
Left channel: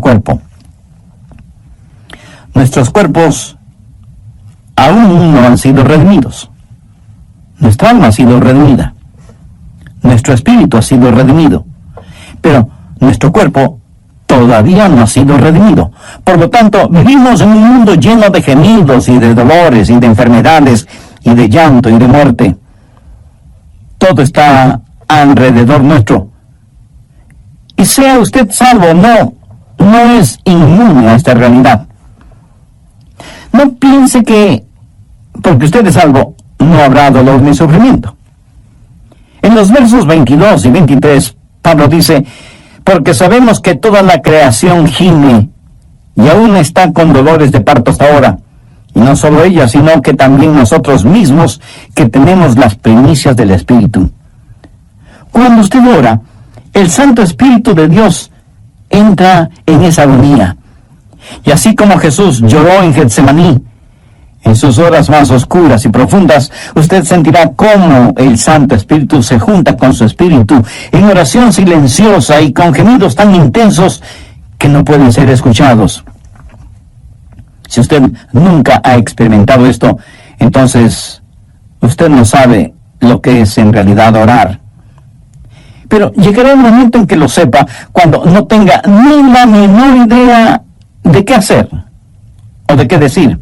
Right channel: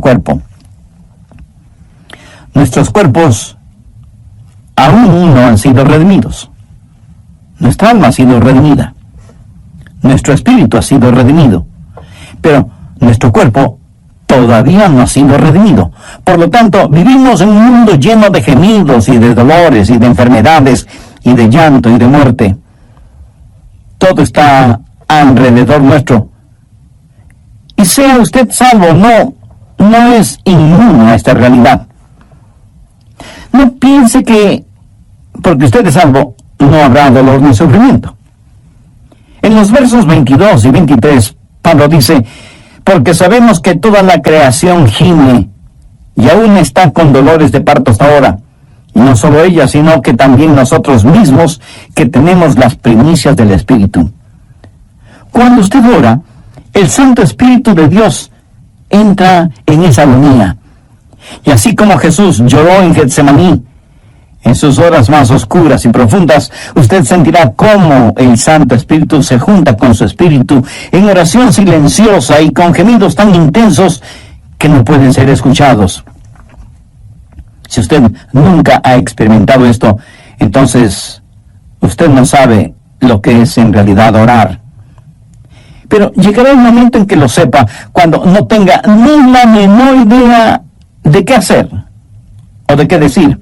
Cuerpo. Nuestros cuerpos aún no han sido redimidos. Nuestra alma ha sido redimida. Nuestro espíritu ha sido redimido. Pero nuestro cuerpo todavía no ha sido redimido. Por lo tanto, vivimos en un mundo lleno de gemidos y de dolores y de enfermedades y de llanto y de muerte. Todo está alrededor nuestro. Y sea usted salvo o no es inmune a esta realidad. No piense que porque usted es salvo no habrá dolor ni sufrimiento. En los versos 22 y 23, Pablo dice: porque sabemos que toda la creación gime y aún está con dolores de parto hasta ahora. Y no solo ella, sino que también nosotros mismos, que tenemos las primicias del Espíritu. Cuando usted ora, el Santo Espíritu de Dios entra en esa agonía. Y así como Jesús lloró en Getsemaní, en sus horas más oscuras y profundas, usted sentirá cómo el Santo Espíritu se junta con su espíritu en oración silenciosa y con gemidos tan intensos que no pueden ser escuchados. Si usted nunca ha experimentado esto, entonces usted no sabe lo que es en realidad orar. Pero llegará el momento en que lo sepa, cuando no tenga ni la menor idea de qué hacer o de qué decir.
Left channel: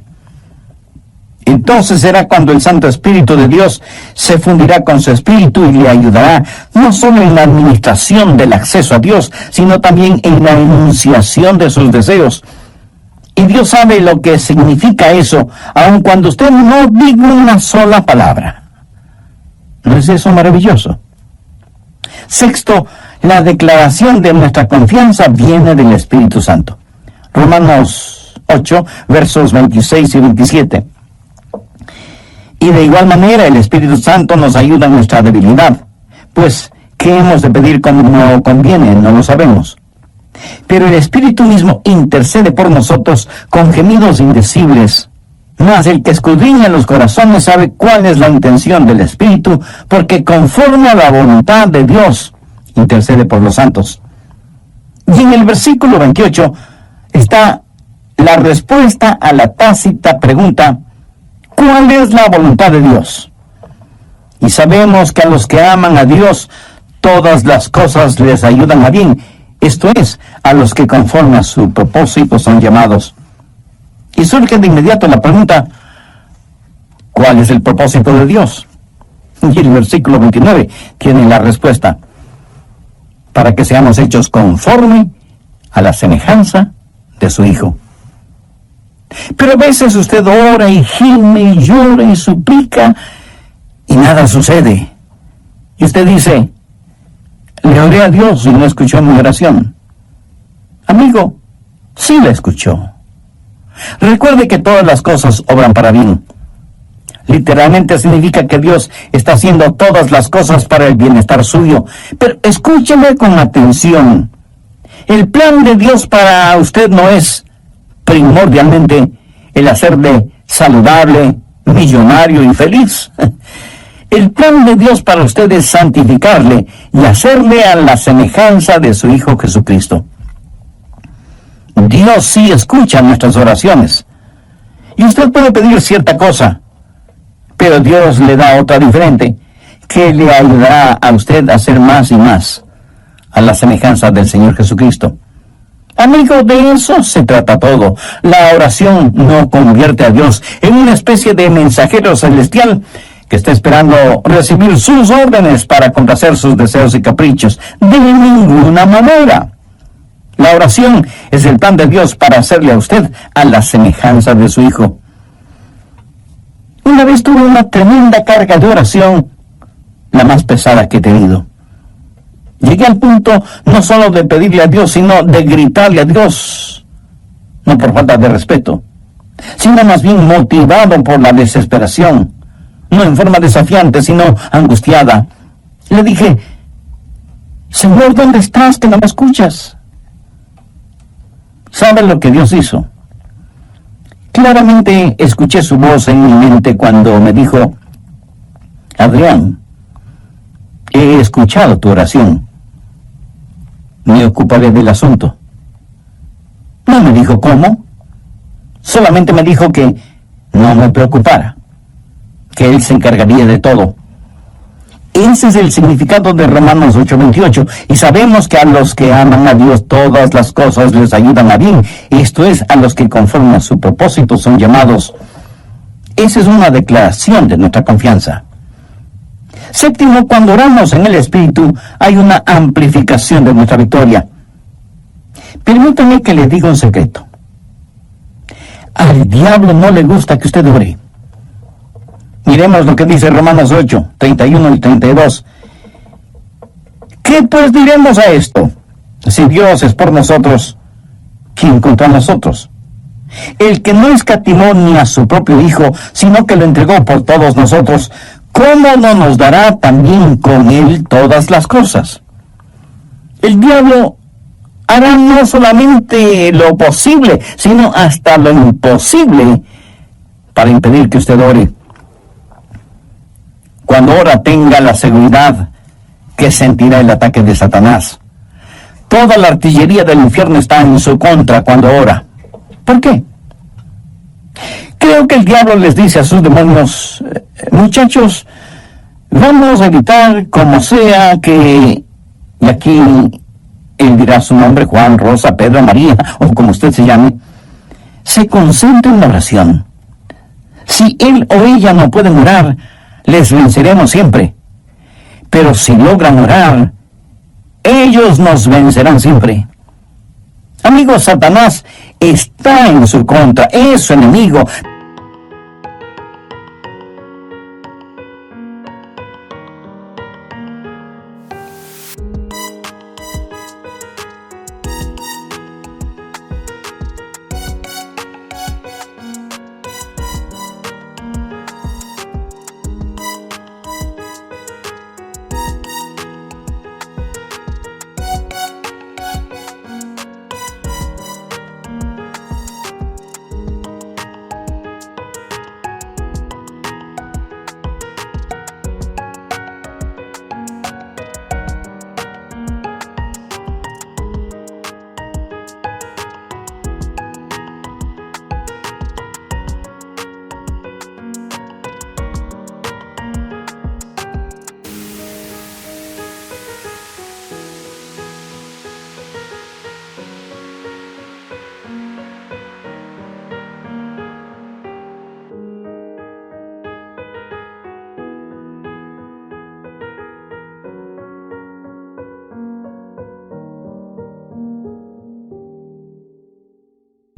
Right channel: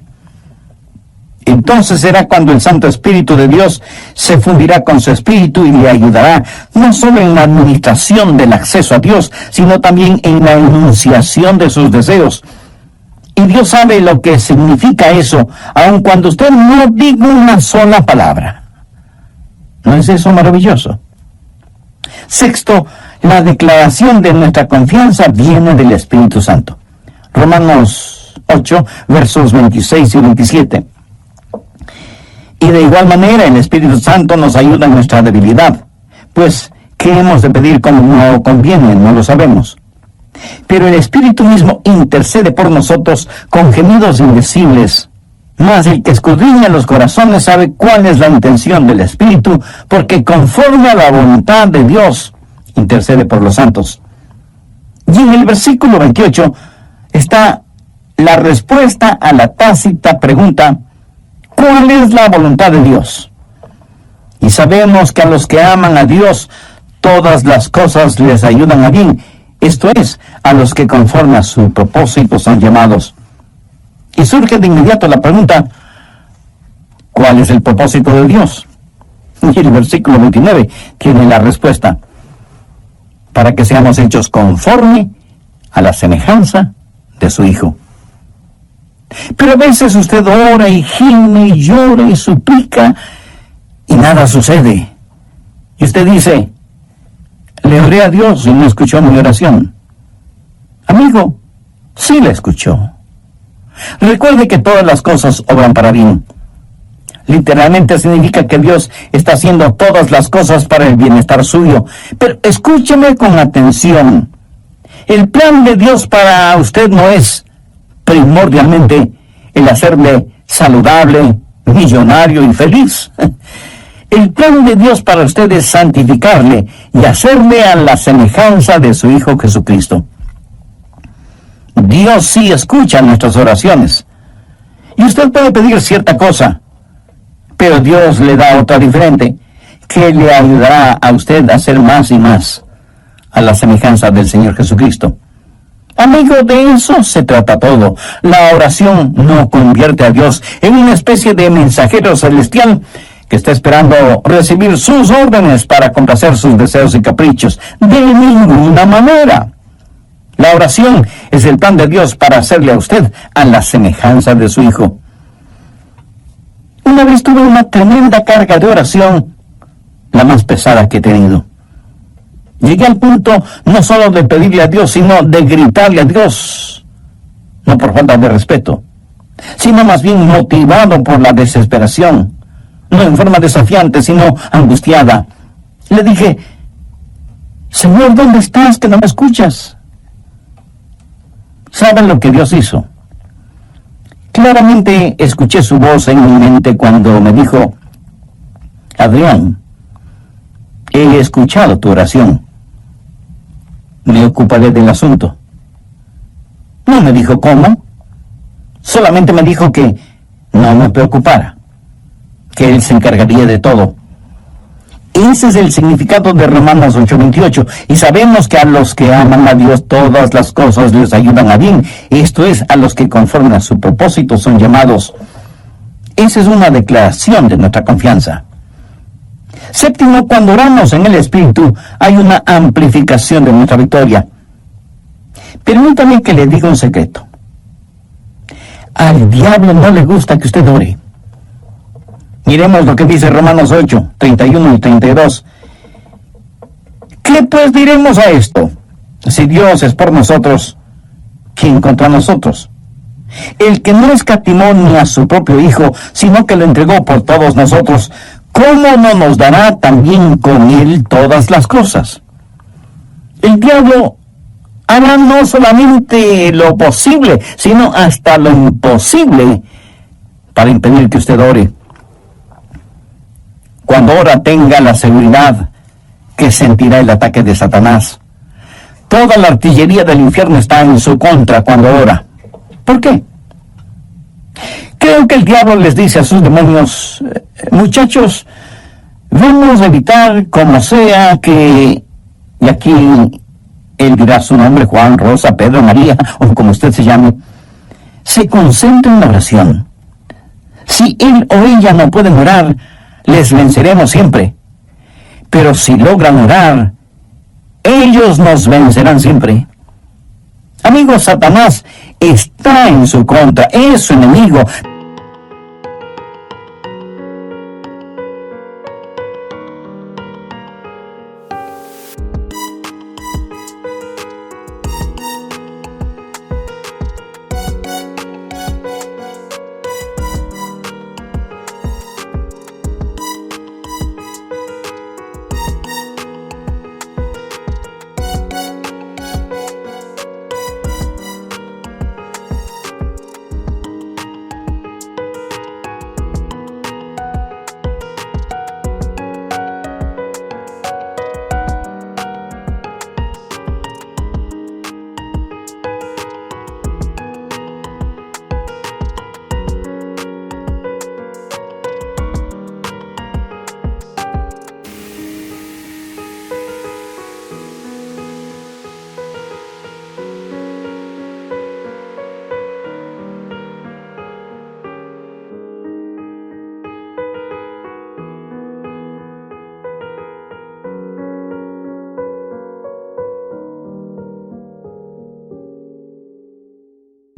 Entonces será cuando el Santo Espíritu de Dios se fundirá con su espíritu y le ayudará no solo en la administración del acceso a Dios, sino también en la enunciación de sus deseos. Y Dios sabe lo que significa eso, aun cuando usted no diga una sola palabra. ¿No es eso maravilloso? Sexto, la declaración de nuestra confianza viene del Espíritu Santo. Romanos 8, versos 26 y 27. Y de igual manera el Espíritu Santo nos ayuda en nuestra debilidad, pues ¿qué hemos de pedir como no conviene? No lo sabemos. Pero el Espíritu mismo intercede por nosotros con gemidos indecibles. Mas el que escudriña los corazones sabe cuál es la intención del Espíritu, porque conforme a la voluntad de Dios intercede por los santos. Y en el versículo 28 está la respuesta a la tácita pregunta: ¿cuál es la voluntad de Dios? Y sabemos que a los que aman a Dios, todas las cosas les ayudan a bien. Esto es, a los que conforme a su propósito son llamados. Y surge de inmediato la pregunta: ¿cuál es el propósito de Dios? Y el versículo 29 tiene la respuesta: para que seamos hechos conforme a la semejanza de su Hijo. Pero a veces usted ora y gime y llora y suplica y nada sucede. Y usted dice: le oré a Dios y no escuchó mi oración. Amigo, sí la escuchó. Recuerde que todas las cosas obran para bien. Literalmente significa que Dios está haciendo todas las cosas para el bienestar suyo. Pero escúcheme con atención. El plan de Dios para usted no es primordialmente el hacerle saludable, millonario y feliz. El plan de Dios para usted es santificarle y hacerle a la semejanza de su Hijo Jesucristo. Dios sí escucha nuestras oraciones. Y usted puede pedir cierta cosa, pero Dios le da otra diferente, que le ayudará a usted a ser más y más a la semejanza del Señor Jesucristo. Amigo, de eso se trata todo. La oración no convierte a Dios en una especie de mensajero celestial que está esperando recibir sus órdenes para complacer sus deseos y caprichos. De ninguna manera. La oración es el plan de Dios para hacerle a usted a la semejanza de su Hijo. Una vez tuve una tremenda carga de oración, la más pesada que he tenido. Llegué al punto no solo de pedirle a Dios, sino de gritarle a Dios, no por falta de respeto, sino más bien motivado por la desesperación, no en forma desafiante, sino angustiada. Le dije: Señor, ¿dónde estás que no me escuchas? ¿Saben lo que Dios hizo? Claramente escuché su voz en mi mente cuando me dijo: Adrián, he escuchado tu oración. Me ocuparé del asunto. No me dijo cómo. Solamente me dijo que no me preocupara, que Él se encargaría de todo. Ese es el significado de Romanos 8:28. Y sabemos que a los que aman a Dios todas las cosas les ayudan a bien. Esto es, a los que conforme a su propósito son llamados. Esa es una declaración de nuestra confianza. Séptimo, cuando oramos en el Espíritu, hay una amplificación de nuestra victoria. Permítame que le diga un secreto. Al diablo no le gusta que usted ore. Miremos lo que dice Romanos 8, 31 y 32. ¿Qué pues diremos a esto? Si Dios es por nosotros, ¿quién contra nosotros? El que no escatimó ni a su propio Hijo, sino que lo entregó por todos nosotros, ¿cómo no nos dará también con Él todas las cosas? El diablo hará no solamente lo posible, sino hasta lo imposible para impedir que usted ore. Cuando ora, tenga la seguridad que sentirá el ataque de Satanás. Toda la artillería del infierno está en su contra cuando ora. ¿Por qué? Creo que el diablo les dice a sus demonios: muchachos, vamos a evitar como sea que... Y aquí él dirá su nombre: Juan, Rosa, Pedro, María, o como usted se llame. Se concentra en la oración. Si él o ella no pueden orar, les venceremos siempre. Pero si logran orar, ellos nos vencerán siempre. Amigos, Satanás está en su contra, es su enemigo.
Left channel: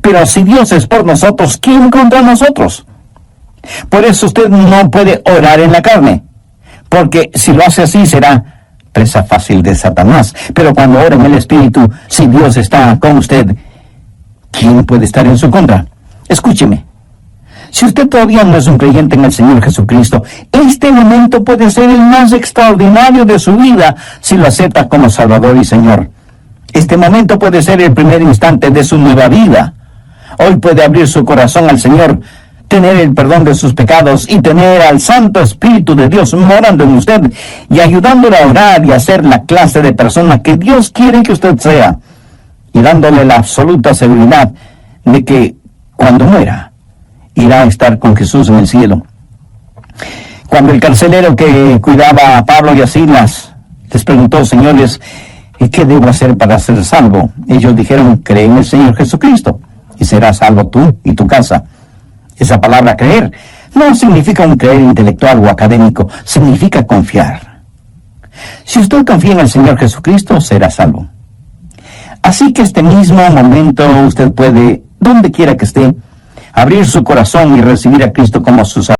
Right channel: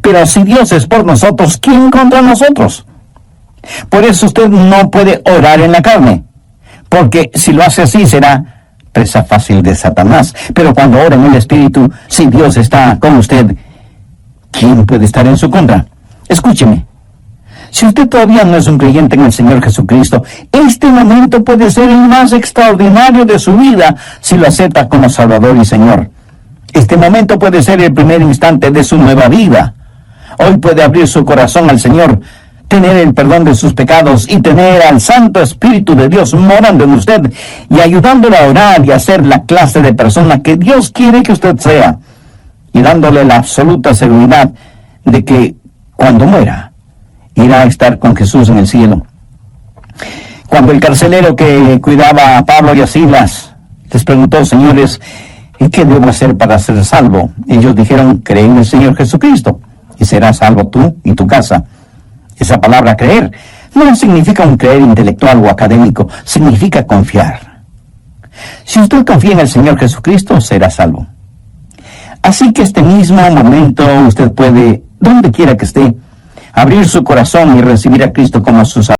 Pero si Dios es por nosotros, ¿quién contra nosotros? Por eso usted no puede orar en la carne, porque si lo hace así será presa fácil de Satanás. Pero cuando ora en el Espíritu, si Dios está con usted, ¿quién puede estar en su contra? Escúcheme. Si usted todavía no es un creyente en el Señor Jesucristo, este momento puede ser el más extraordinario de su vida si lo acepta como Salvador y Señor. Este momento puede ser el primer instante de su nueva vida. Hoy puede abrir su corazón al Señor, tener el perdón de sus pecados y tener al Santo Espíritu de Dios morando en usted y ayudándole a orar y a ser la clase de persona que Dios quiere que usted sea. y dándole la absoluta seguridad de que cuando muera irá a estar con Jesús en el cielo. Cuando el carcelero que cuidaba a Pablo y a Silas les preguntó: señores, ¿y qué debo hacer para ser salvo? Ellos dijeron: cree en el Señor Jesucristo y serás salvo tú y tu casa. Esa palabra creer no significa un creer intelectual o académico, significa confiar. Si usted confía en el Señor Jesucristo, será salvo. Así que este mismo momento usted puede, donde quiera que esté, abrir su corazón y recibir a Cristo como su Salvador.